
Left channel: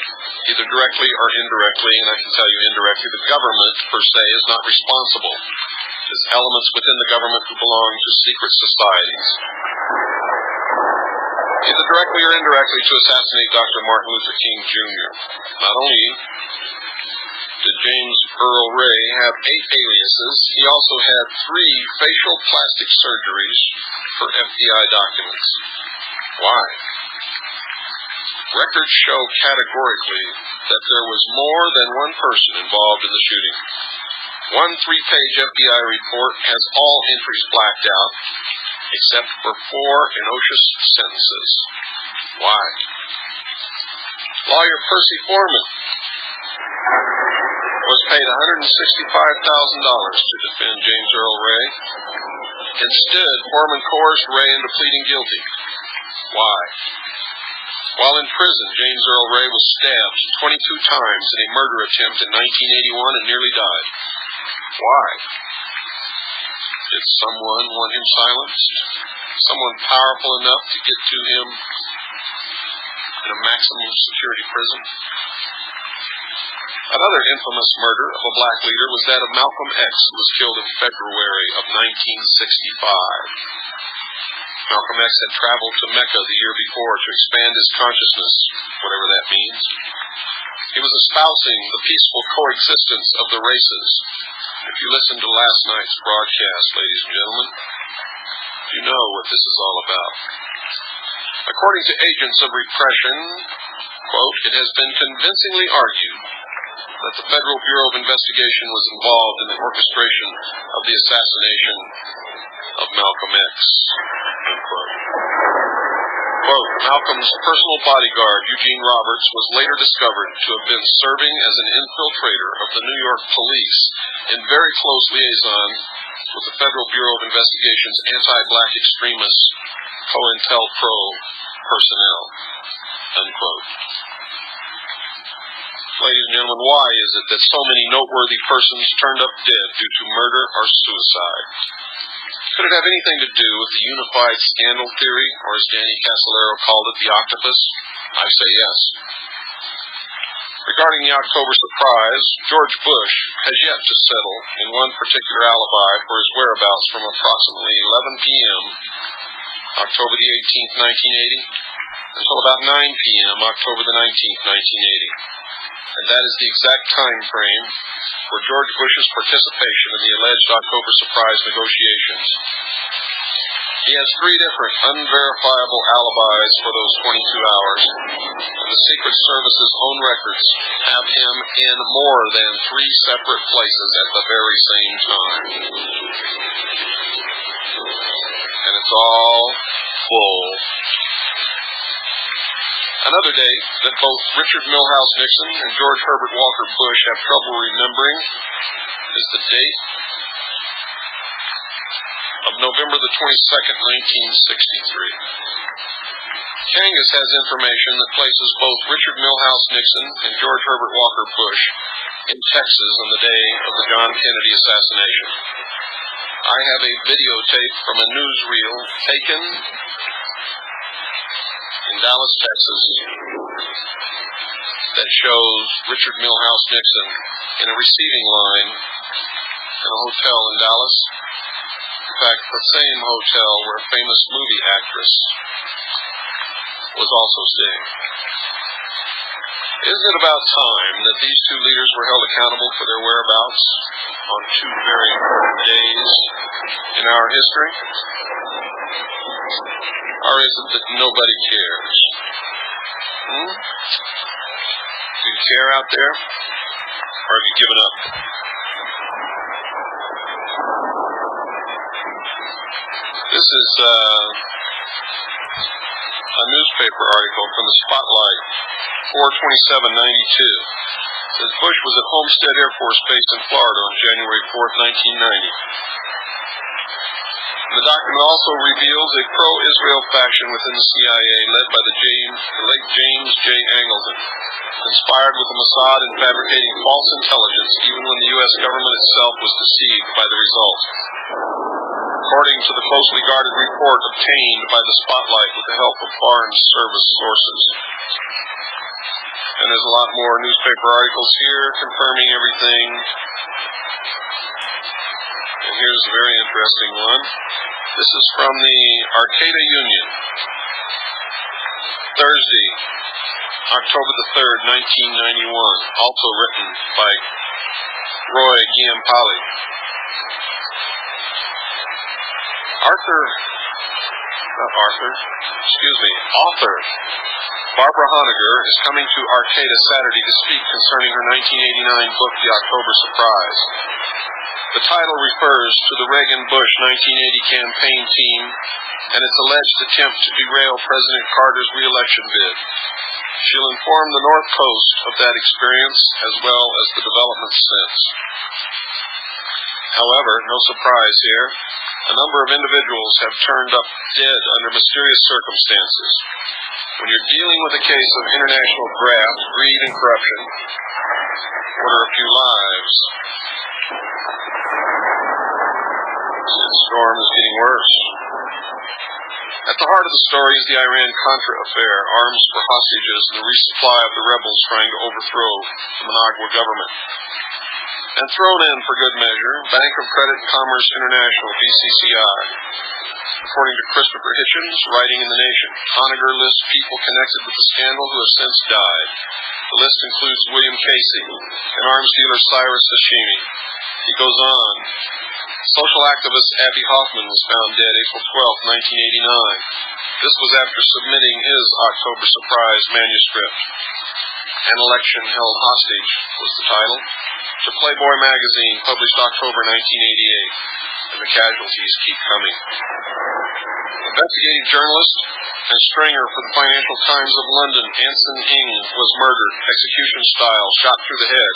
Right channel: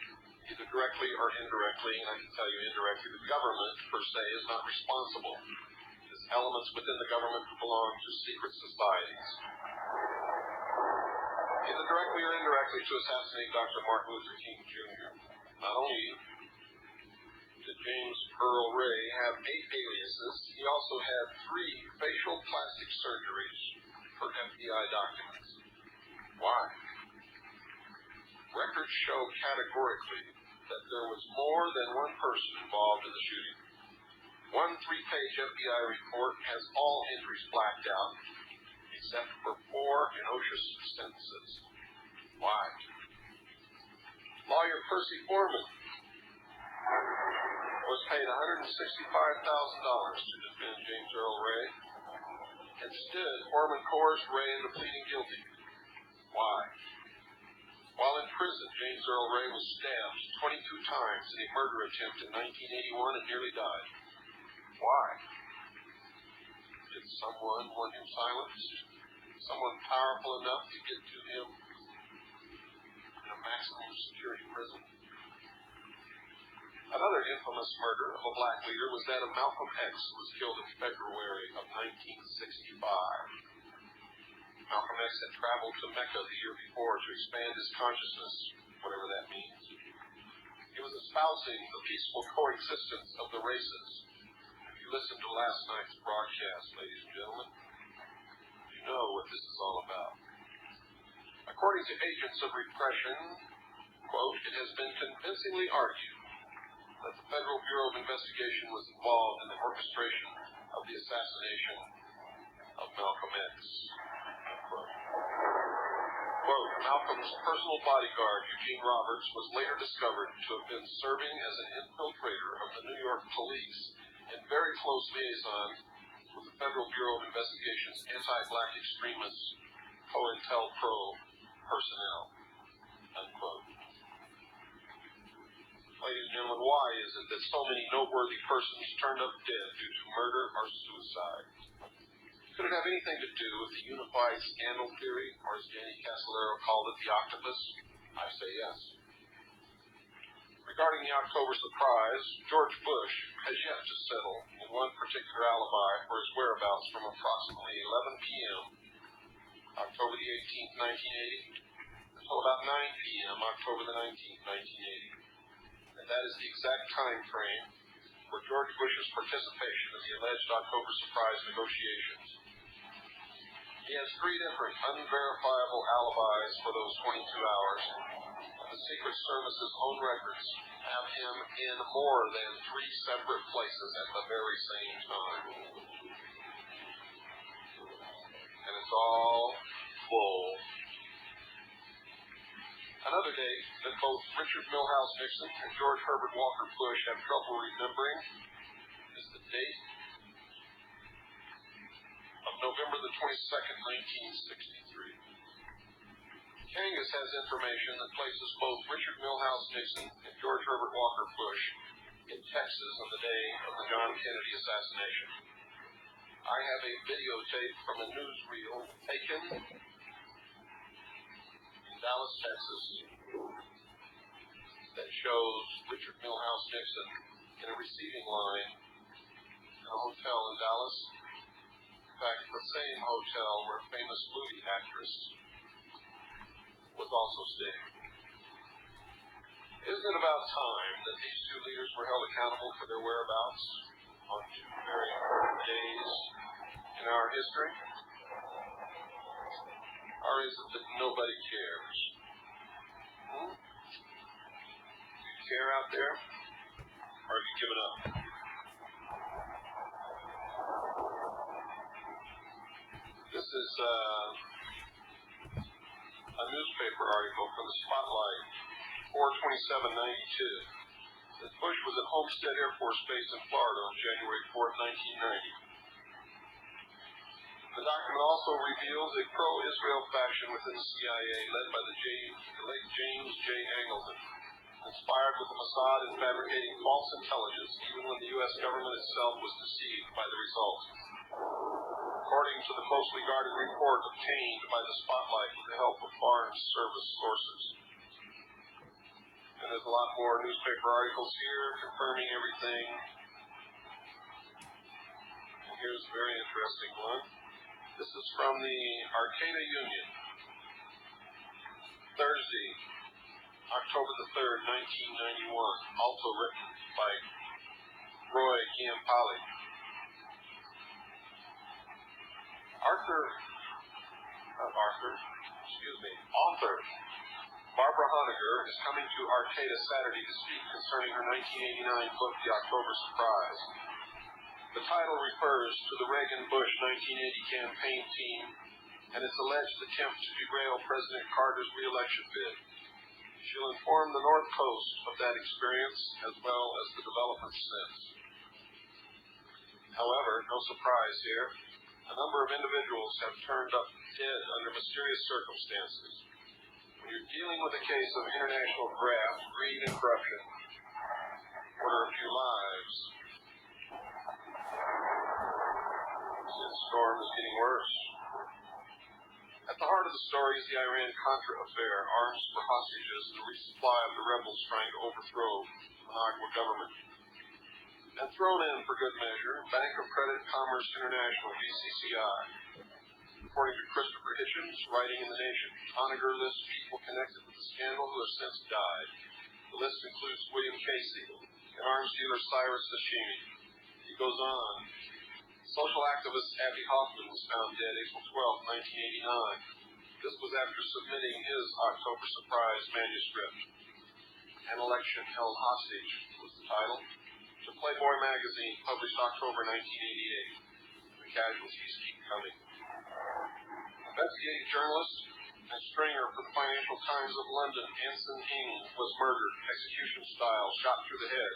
either directly or indirectly, and I can tell you indirectly, the government, per se, is not responsible. There's elements within the government who belong to secret societies, either directly or indirectly, to assassinate Dr. Martin Luther King Jr. Not only did James Earl Ray have 8 aliases, he also had 3 facial plastic surgeries for FBI documents. Why? Records show categorically that there was more than one person involved in the shooting. One 3-page FBI report has all entries blacked out, except for 4 innocuous sentences. Why? Lawyer Percy Foreman was paid $165,000 to defend James Earl Ray. Instead, Foreman coerced Ray into pleading guilty. Why? While in prison, James Earl Ray was stabbed 22 times in a murder attempt in 1981 and nearly died. Why? Did someone want him silenced? Someone powerful enough to get to him in a maximum security prison? Another infamous murder of a black leader was that of Malcolm X, who was killed in February of 1965. Malcolm X had traveled to Mecca the year before to expand his consciousness, whatever that means. He was espousing the peaceful coexistence of the races. If you listened to last night's broadcast, ladies and gentlemen, you know what this is all about. According to agents of repression, quote, it has been convincingly argued that the Federal Bureau of Investigation was involved in the orchestration of the assassination of Malcolm X, unquote. Quote, Malcolm's personal bodyguard, Eugene Roberts, was later discovered to have been serving as an infiltrator of the New York police in very close liaison with the Federal Bureau of Investigation's anti-black extremist COINTELPRO personnel, unquote. Ladies and gentlemen, why is it that so many noteworthy persons turned up dead due to murder or suicide? Could it have anything to do with the unified scandal theory, or as Danny Casolaro called it, the octopus? I say yes. Regarding the October surprise, George Bush has yet to settle in one particular alibi for his whereabouts from approximately 11 p.m., October the 18th, 1980, until about 9 p.m., October the 19th, 1980. And that is the exact time frame for George Bush's participation in the alleged October surprise negotiations. He has 3 different unverifiable alibis for those 22 hours, and the Secret Service's own records have him in more than 3 separate places at the very same time. And it's all full. Another date that both Richard Milhous Nixon and George Herbert Walker Bush have trouble remembering is the date of November the 22nd, 1963. Kangas has information that places both Richard Milhous Nixon and George Herbert Walker Bush in Texas on the day of the John Kennedy assassination. I have a videotape from a newsreel taken in Dallas, Texas, that shows Richard Milhous Nixon in a receiving line in a hotel in Dallas. In fact, the same hotel where a famous movie actress was also staying. Isn't it about time that these 2 leaders were held accountable for their whereabouts on 2 very important days in our history? Or is it that nobody cares? Do you care out there? Or have you given up? This is a newspaper article from the Spotlight, 4/27/92. It says Bush was at Homestead Air Force Base in Florida on January 4th, 1990. The document also reveals a pro-Israel faction within the CIA led by the late James J. Angleton, conspired with the Mossad in fabricating false intelligence even when the U.S. government itself was deceived by the result. according to the closely guarded report obtained by the Spotlight with the help of Foreign Service sources. And there's a lot more newspaper articles here confirming everything. And here's a very interesting one. This is from the Arcata Union. Thursday, October the 3rd, 1991. Also written by Roy Giampali. Author Barbara Honegger is coming to Arcata Saturday to speak concerning her 1989 book, The October Surprise. The title refers to the Reagan-Bush 1980 campaign team and its alleged attempt to derail President Carter's re-election bid. She'll inform the North Coast of that experience as well as the developments since. However, no surprise here, a number of individuals have turned up dead under mysterious circumstances. When you're dealing with a case of international graft, greed, and corruption, what are a few lives? This storm is getting worse. At the heart of the story is the Iran-Contra affair, arms for hostages, and the resupply of the rebels trying to overthrow the Managua government. And thrown in for good measure, Bank of Credit and Commerce International, BCCI. According to Christopher Hitchens, writing in The Nation, Honegger lists people connected with the scandal who have since died. The list includes William Casey and arms dealer Cyrus Hashimi. He goes on. Social activist Abbie Hoffman was found dead April 12, 1989. This was after submitting his October Surprise manuscript. An Election Held Hostage was the title, to Playboy magazine, published October 1988, and the casualties keep coming. Investigative journalist and stringer for the Financial Times of London, Anson Ng, was murdered, execution style, shot through the head,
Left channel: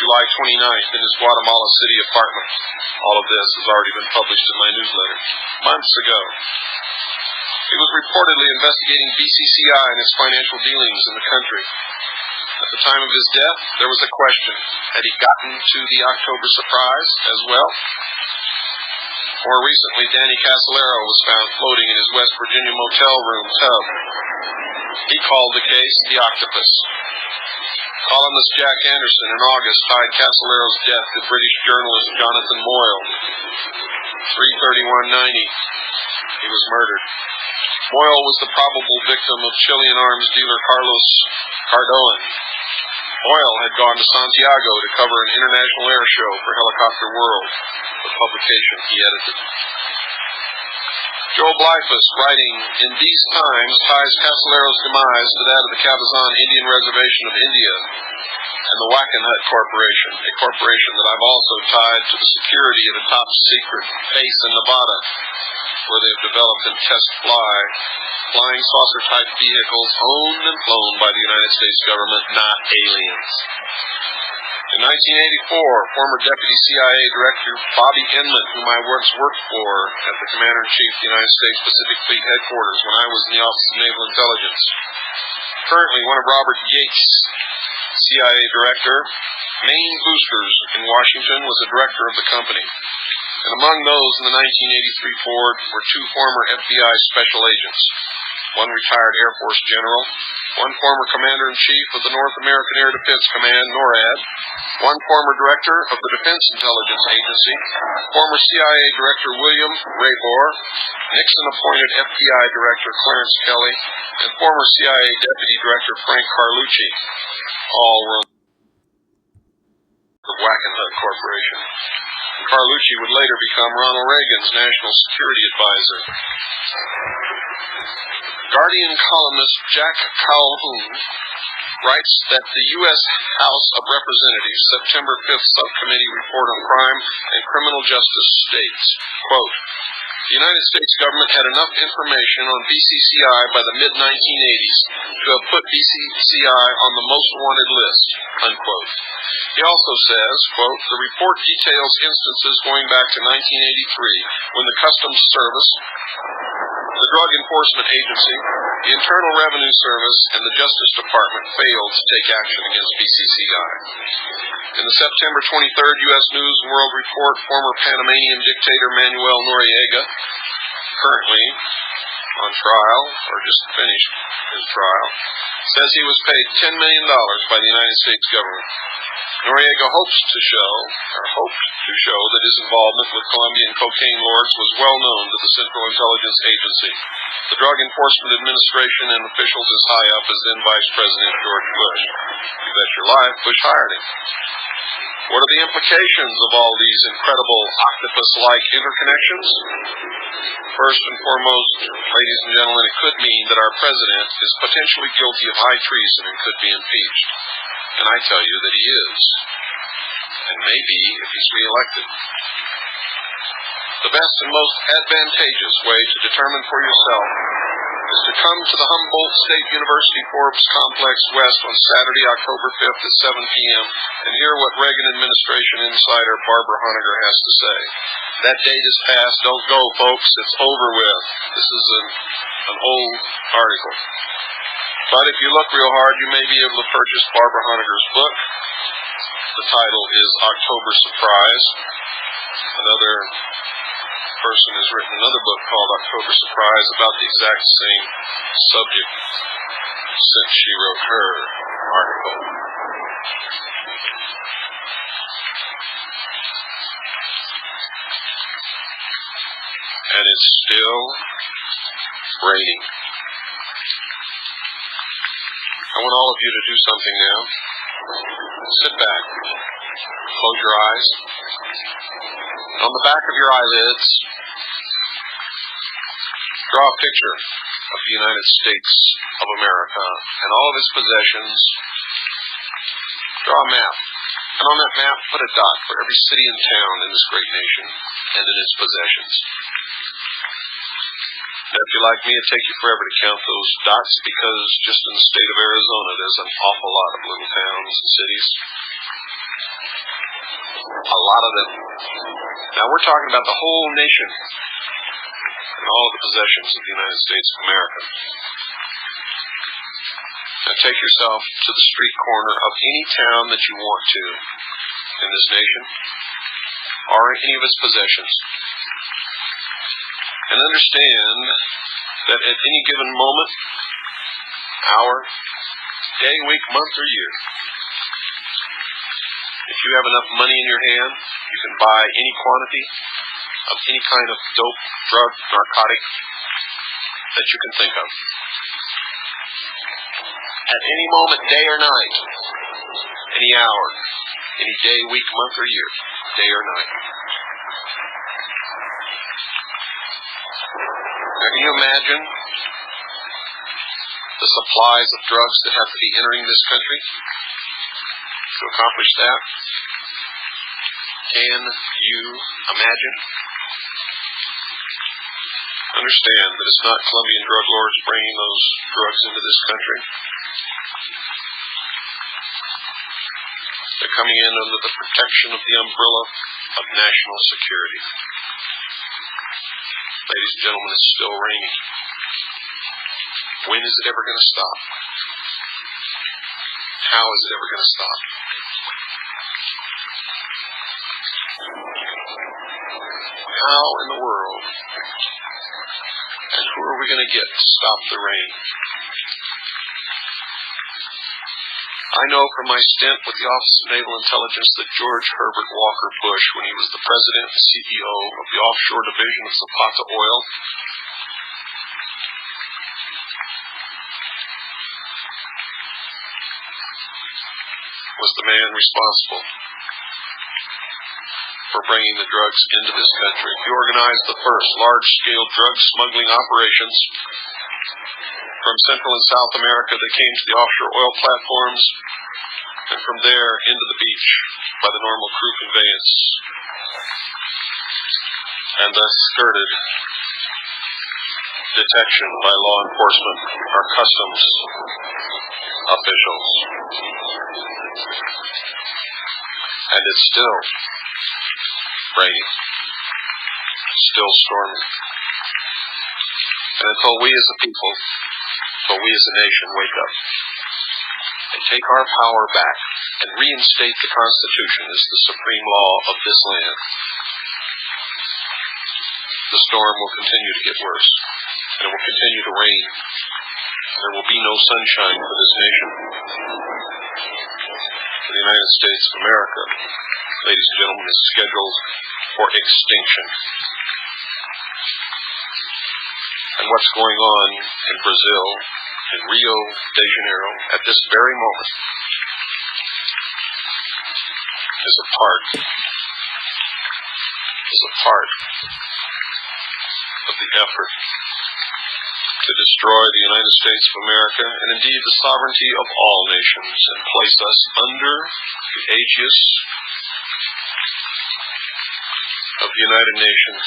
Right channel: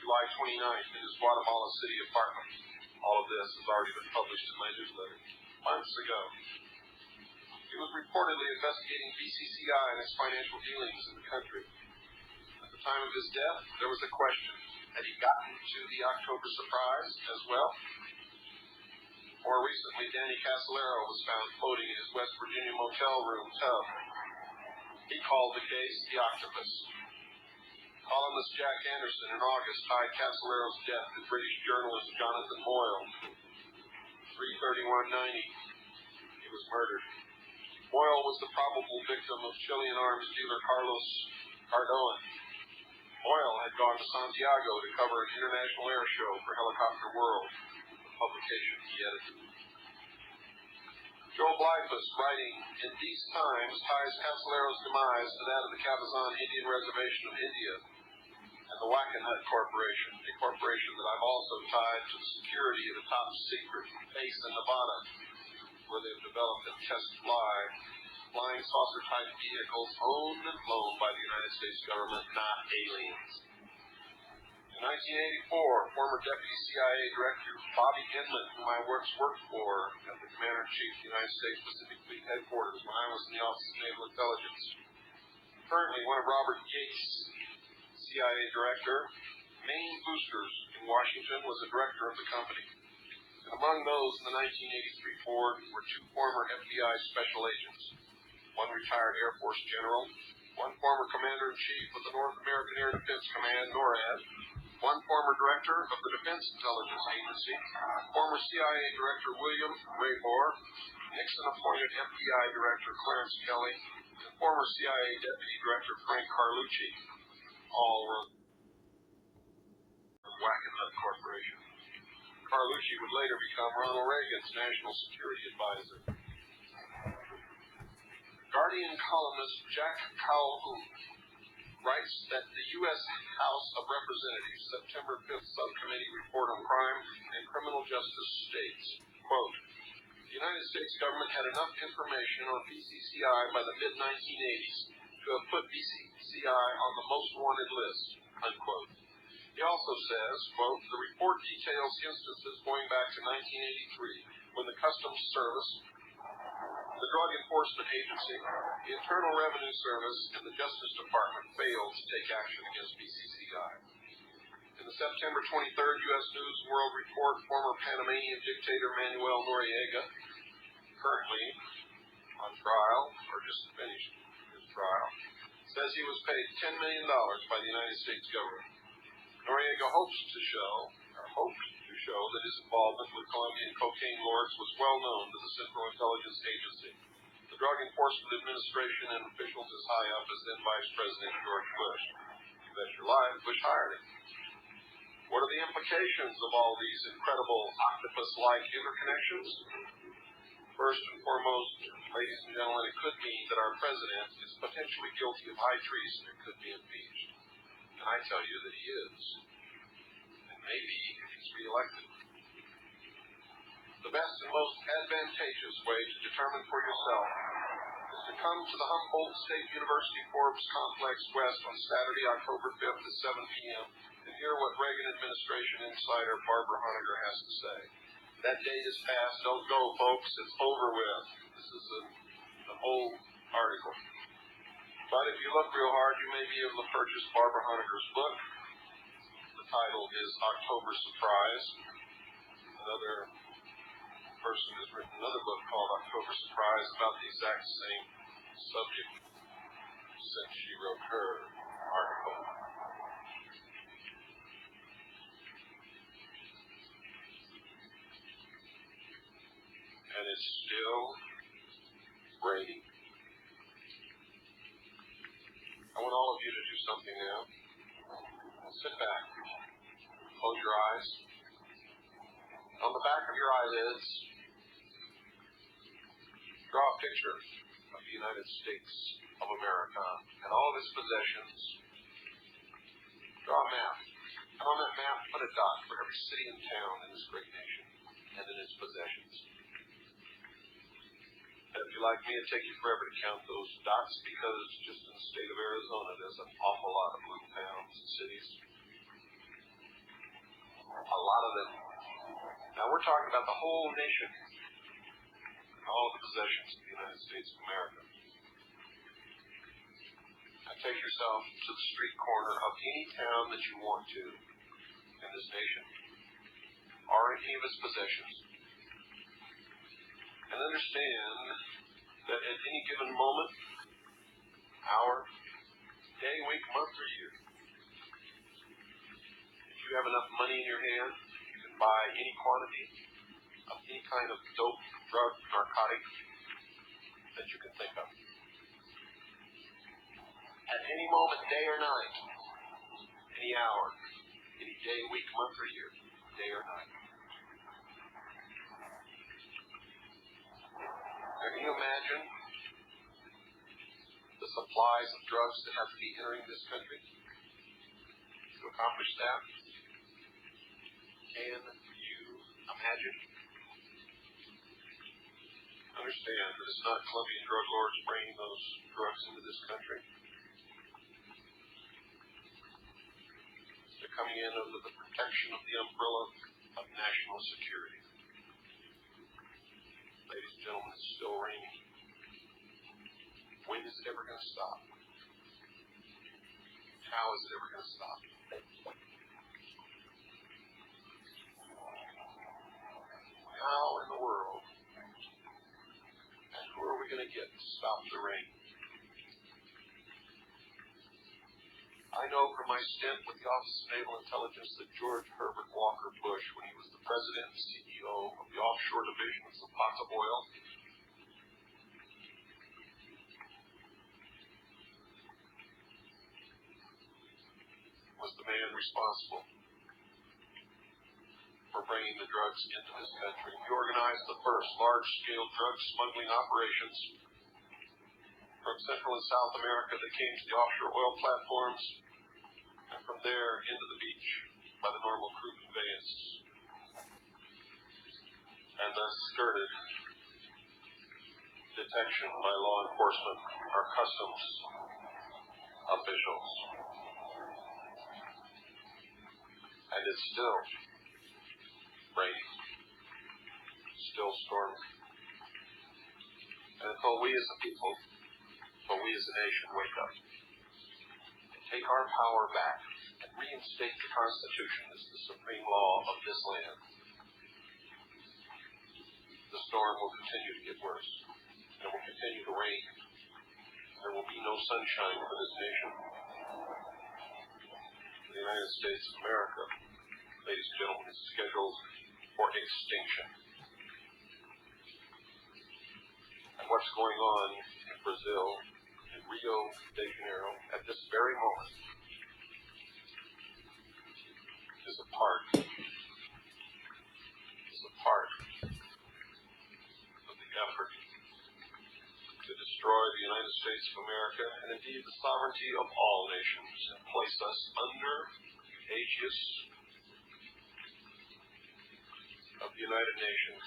July 29th in his Guatemala City apartment. All of this has already been published in my newsletter months ago. He was reportedly investigating BCCI and its financial dealings in the country. At the time of his death, there was a question. Had he gotten to the October Surprise as well? More recently, Danny Casolaro was found floating in his West Virginia motel room tub. He called the case the Octopus. Columnist Jack Anderson in August tied Casolaro's death to British journalist Jonathan Moyle. 3/31/90. He was murdered. Moyle was the probable victim of Chilean arms dealer Carlos Cardoan. Moyle had gone to Santiago to cover an international air show for Helicopter World, the publication he edited. Joe Blyfus, writing in These Times, ties Casolaro's demise to that of the Cabazon Indian Reservation of India and the Wackenhut Corporation, a corporation that I've also tied to the security of a top-secret base in Nevada, where they've developed and test flying saucer-type vehicles owned and flown by the United States government, not aliens. In 1984, former Deputy CIA Director Bobby Inman, whom I once worked for at the Commander-in-Chief of the United States Pacific Fleet Headquarters when I was in the Office of Naval Intelligence. Currently, one of Robert Yates' CIA Director, Maine Boosters in Washington, was a director of the company. And among those in the 1983 Ford were two former FBI special agents, one retired Air Force general, one former Commander-in-Chief of the North American Air Defense Command, NORAD, one former Director of the Defense Intelligence Agency, former CIA Director William Raybor, Nixon-appointed FBI Director Clarence Kelly, and former CIA Deputy Director Frank Carlucci, all were the Wackenhut Corporation. Carlucci would later become Ronald Reagan's national security advisor. Guardian columnist Jack Calhoun writes that the U.S. House of Representatives September 5th Subcommittee Report on Crime and Criminal Justice states, quote, the United States government had enough information on BCCI by the mid-1980s to have put BCCI on the most wanted list, unquote. He also says, quote, the report details instances going back to 1983 when the Customs Service, the Drug Enforcement Agency, The Internal Revenue Service and the Justice Department failed to take action against BCCI. In the September 23rd U.S. News and World Report, former Panamanian dictator Manuel Noriega, currently on trial, or just finished his trial, says he was paid $10 million by the United States government. Noriega hoped to show that his involvement with Colombian cocaine lords was well known to the Central Intelligence Agency, the Drug Enforcement Administration, and officials as high up as then Vice President George Bush. You bet your life, Bush hired him. What are the implications of all these incredible octopus-like interconnections? First and foremost, ladies and gentlemen, it could mean that our president is potentially guilty of high treason and could be impeached. And I tell you that he is, and maybe if he's reelected. The best and most advantageous way to determine for yourself is to come to the Humboldt State University Forbes Complex West on Saturday, October 5th at 7 p.m. and hear what Reagan administration insider Barbara Honegger has to say. That date is past. Don't go, folks. It's over with. This is an old article. But if you look real hard, you may be able to purchase Barbara Honegger's book. The title is October Surprise. Another person has written another book called October Surprise about the exact same subject since she wrote her article. And it's still raining. I want all of you to do something now. Sit back. Close your eyes. On the back of your eyelids, draw a picture of the United States of America and all of its possessions. Draw a map. And on that map, put a dot for every city and town in this great nation and in its possessions. Now, if you're like me, it'd take you forever to count those dots because just in the state of Arizona, there's an awful lot of little towns and cities. A lot of them. Now, we're talking about the whole nation and all of the possessions of the United States of America. Now, take yourself to the street corner of any town that you want to in this nation or any of its possessions. And understand that at any given moment, hour, day, week, month, or year, if you have enough money in your hand, you can buy any quantity of any kind of dope, drug, narcotic that you can think of. At any moment, day or night, any hour, any day, week, month, or year, day or night. Now, can you imagine the supplies of drugs that have to be entering this country to accomplish that? Can you imagine? Understand that it's not Colombian drug lords bringing those drugs into this country. They're coming in under the protection of the umbrella of national security. Ladies and gentlemen, it's still raining. When is it ever going to stop? How is it ever going to stop? How in the world and who are we going to get to stop the rain? I know from my stint with the Office of Naval Intelligence that George Herbert Walker Bush, when he was the president and CEO of the offshore division of Zapata Oil, was the man responsible for bringing the drugs into this country. He organized the first large-scale drug smuggling operations from Central and South America that came to the offshore oil platforms and from there into the beach by the normal crew conveyance and thus skirted detection by law enforcement or customs officials. And it's still raining, still stormy. And until we as a people until we as a nation wake up and take our power back and reinstate the Constitution as the supreme law of this land, the storm will continue to get worse, and it will continue to rain, and there will be no sunshine for this nation. The United States of America, ladies and gentlemen, is scheduled for extinction. And what's going on in Brazil, in Rio de Janeiro, at this very moment, is a part of the effort to destroy the United States of America, and indeed the sovereignty of all nations, and place us under the aegis of the United Nations.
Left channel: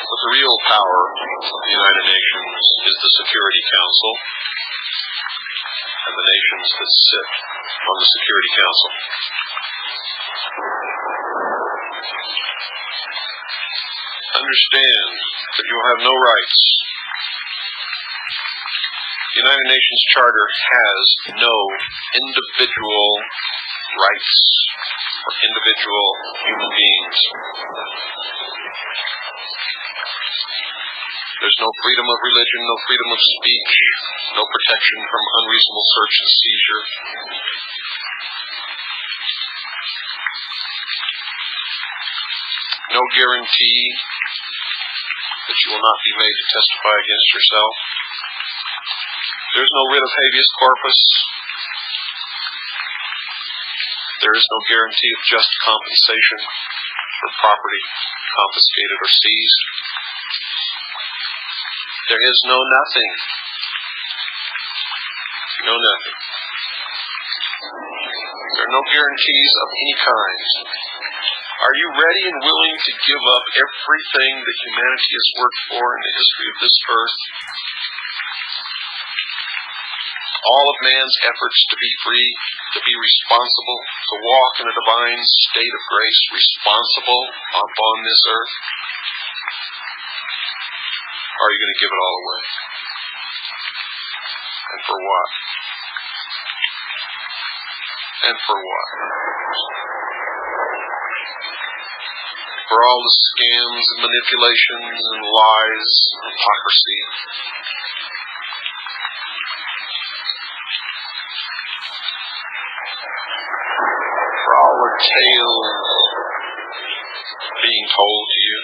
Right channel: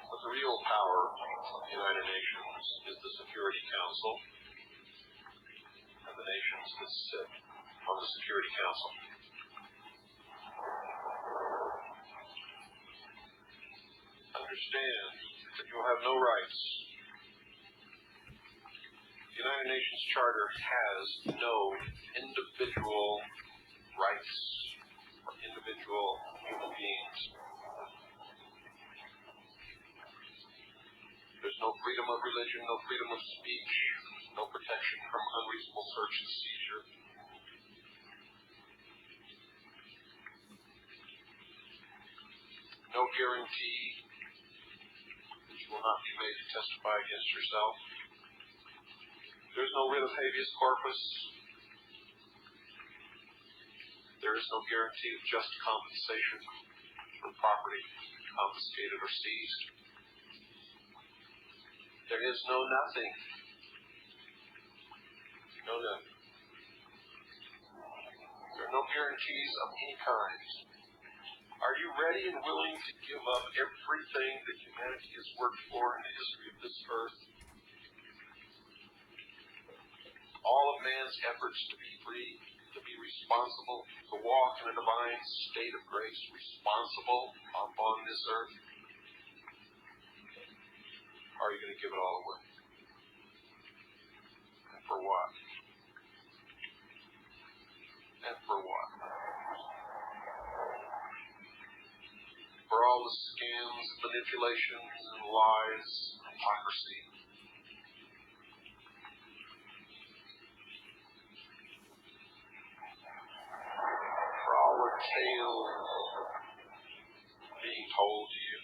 But the real power of the United Nations is the Security Council and the nations that sit on the Security Council. Understand that you will have no rights. The United Nations Charter has no individual rights for individual human beings. There's no freedom of religion, no freedom of speech, no protection from unreasonable search and seizure. No guarantee that you will not be made to testify against yourself. There's no writ of habeas corpus. There is no guarantee of just compensation for property confiscated or seized. There is no nothing. No nothing. There are no guarantees of any kind. Are you ready and willing to give up everything that humanity has worked for in the history of this earth? All of man's efforts to be free, to be responsible, to walk in a divine state of grace, responsible upon this earth? Or are you going to give it all away? And for what? And for what? For all the scams and manipulations and lies and hypocrisy. For all the tales being told to you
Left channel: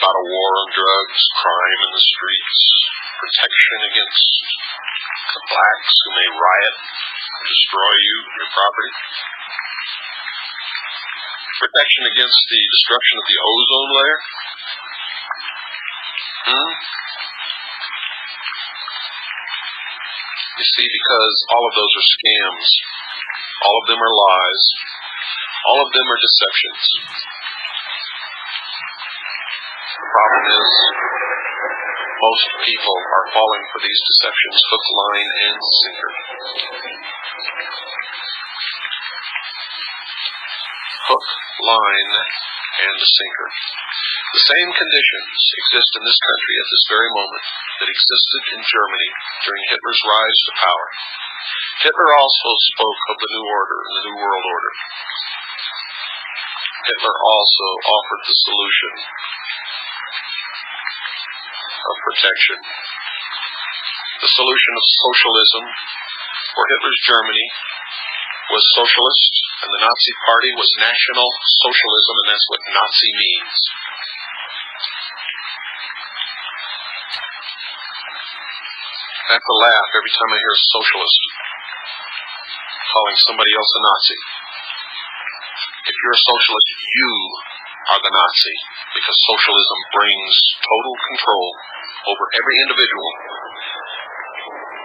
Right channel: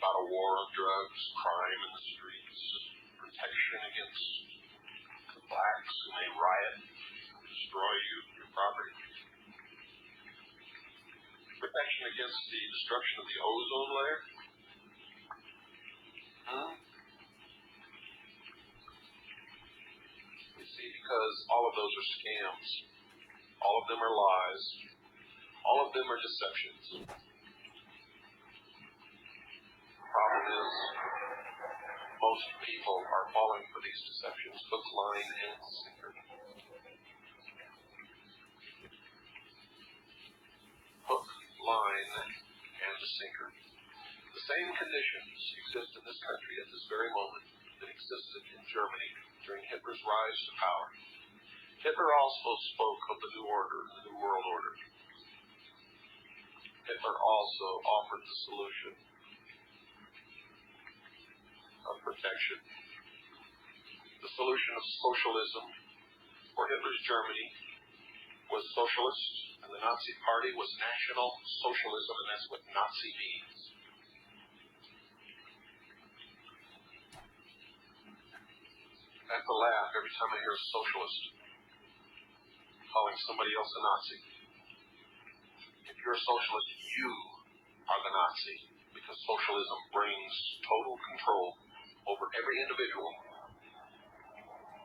about a war on drugs, crime in the streets, protection against the blacks who may riot, destroy you, your property. Protection against the destruction of the ozone layer? You see, because all of those are scams. All of them are lies. All of them are deceptions. The problem is, most people are falling for these deceptions, hook, line, and sinker. Hook, line, and sinker. The same conditions exist in this country at this very moment that existed in Germany during Hitler's rise to power. Hitler also spoke of the New Order and the New World Order. Hitler also offered the solution of protection. The solution of socialism for Hitler's Germany was socialist, and the Nazi Party was National Socialism, and that's what Nazi means. I have to laugh every time I hear a socialist calling somebody else a Nazi. If you're a socialist, you are the Nazi, because socialism brings total control over every individual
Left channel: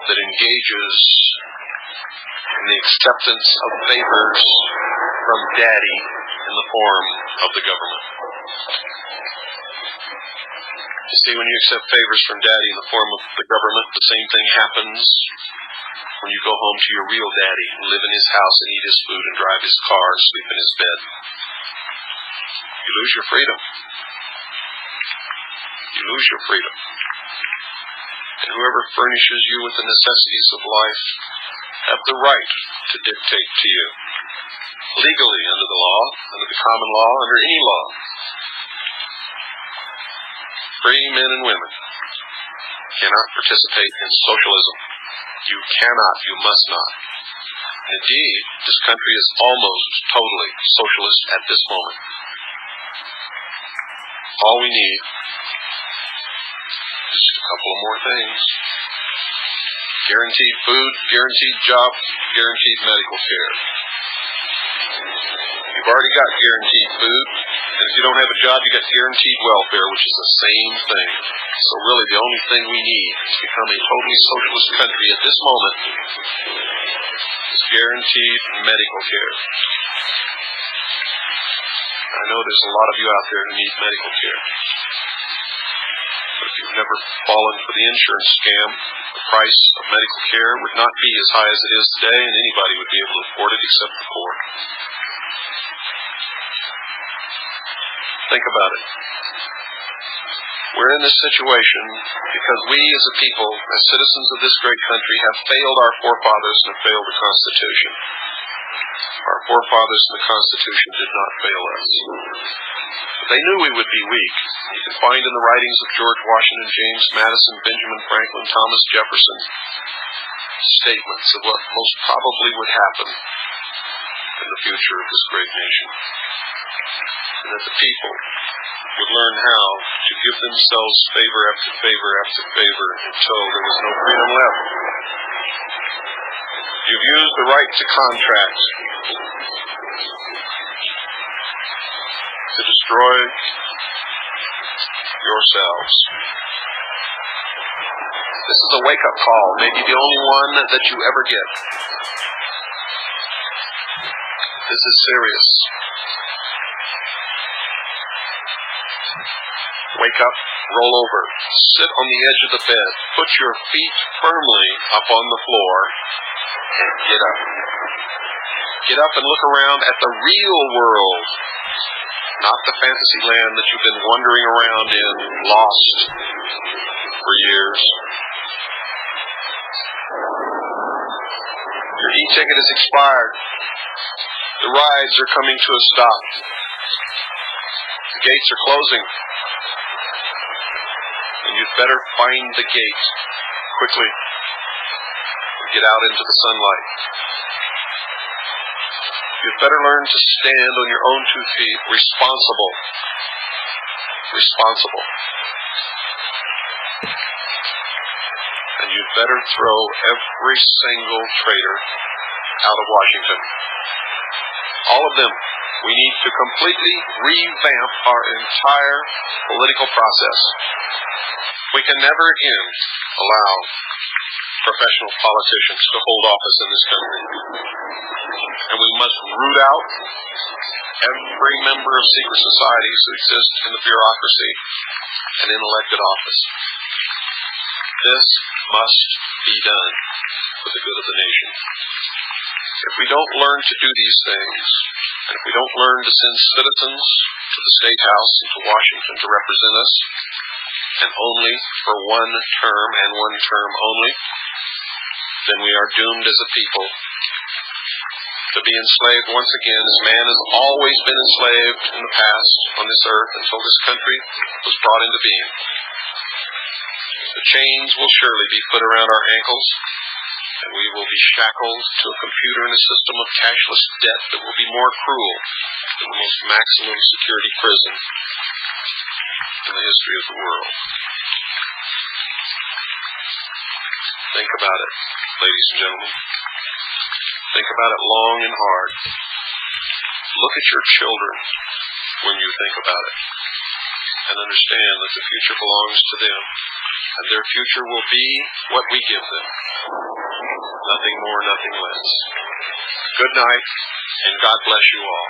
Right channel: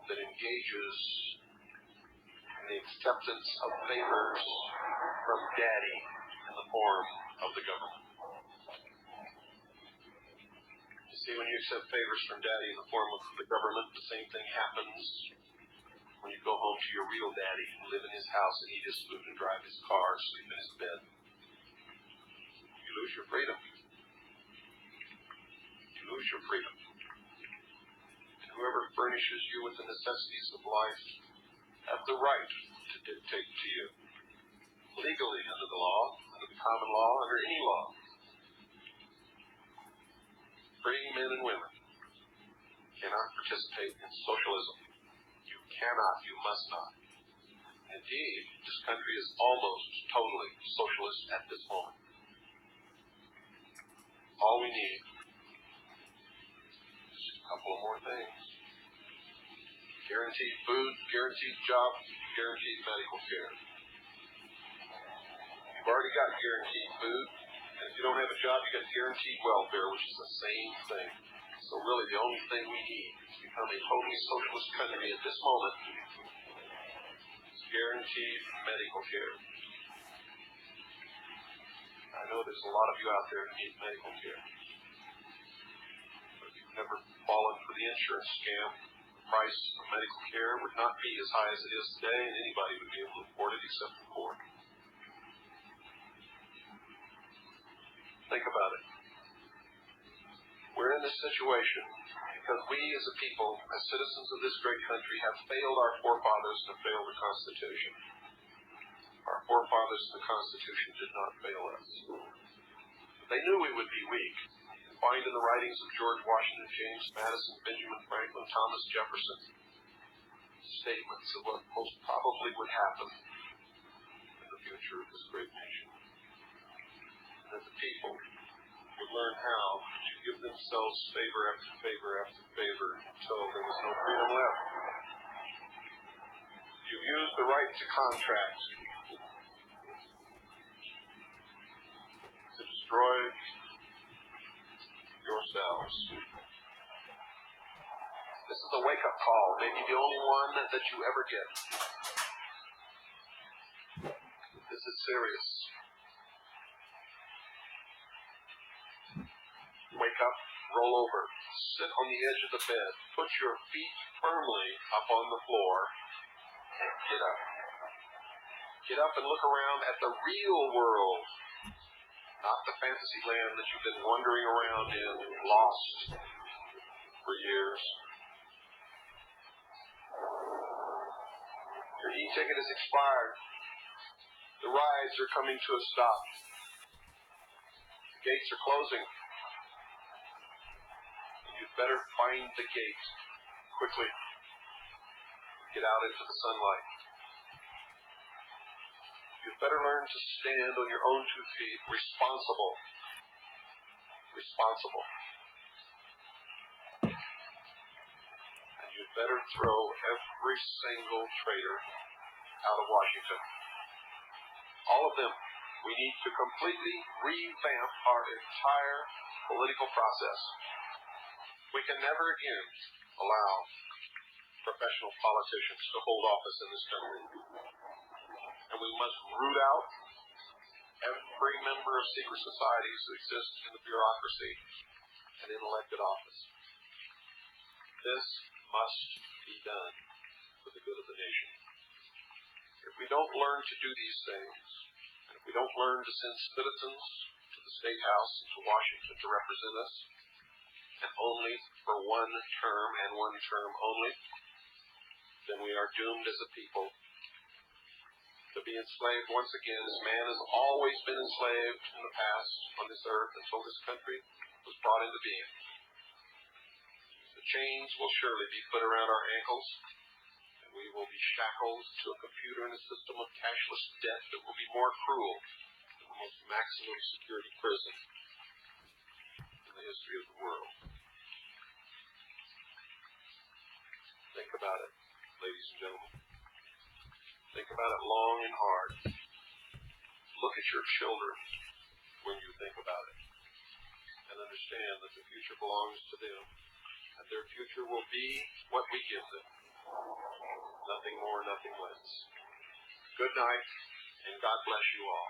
that engages in the acceptance of favors from daddy in the form of the government. You see, when you accept favors from daddy in the form of the government, the same thing happens when you go home to your real daddy and live in his house and eat his food and drive his car and sleep in his bed. You lose your freedom. You lose your freedom. and whoever furnishes you with the necessities of life have the right to dictate to you, legally under the law, under the common law, under any law. Free men and women cannot participate in socialism. You cannot, you must not. Indeed, this country is almost totally socialist at this moment. All we need is just a couple of more things. Guaranteed food, guaranteed job, guaranteed medical care. You've already got guaranteed food, and if you don't have a job, you got guaranteed welfare, which is the same thing. So really, the only thing we need to become a totally socialist country at this moment is guaranteed medical care. I know there's a lot of you out there who need medical care. But if you've never fallen for the insurance scam, the price of medical care would not be as high as it is today, and anybody would be able to afford it except the poor. Think about it. We're in this situation because we as a people, as citizens of this great country, have failed our forefathers and have failed the Constitution. Our forefathers and the Constitution did not fail us. But they knew we would be weak. You can find in the writings of George Washington, James Madison, Benjamin Franklin, Thomas Jefferson, statements of what most probably would happen in the future of this great nation. And that the people would learn how to give themselves favor after favor after favor until there was no freedom left. You've used the right to contract to destroy yourselves. This is a wake-up call, maybe the only one that you ever get. This is serious. Wake up, roll over, sit on the edge of the bed, put your feet firmly up on the floor, and get up. Get up and look around at the real world, not the fantasy land that you've been wandering around in, lost for years. Your e-ticket is expired. The rides are coming to a stop. The gates are closing. And you'd better find the gate quickly and get out into the sunlight. You'd better learn to stand on your own 2 feet, responsible. And you'd better throw every single traitor out of Washington. All of them. We need to completely revamp our entire political process. We can never again allow professional politicians to hold office in this country. And we must root out every member of secret societies who exist in the bureaucracy and in elected office. This must be done for the good of the nation. If we don't learn to do these things, and if we don't learn to send citizens to the State House and to Washington to represent us, and only for one term and one term only, then we are doomed as a people to be enslaved once again, as man has always been enslaved in the past on this earth until this country was brought into being. The chains will surely be put around our ankles, and we will be shackled to a computer in a system of cashless debt that will be more cruel than the most maximum security prison in the history of the world. Think about it, ladies and gentlemen. Think about it long and hard. Look at your children when you think about it, and understand that the future belongs to them, and their future will be what we give them. Nothing more, nothing less. Good night, and God bless you all.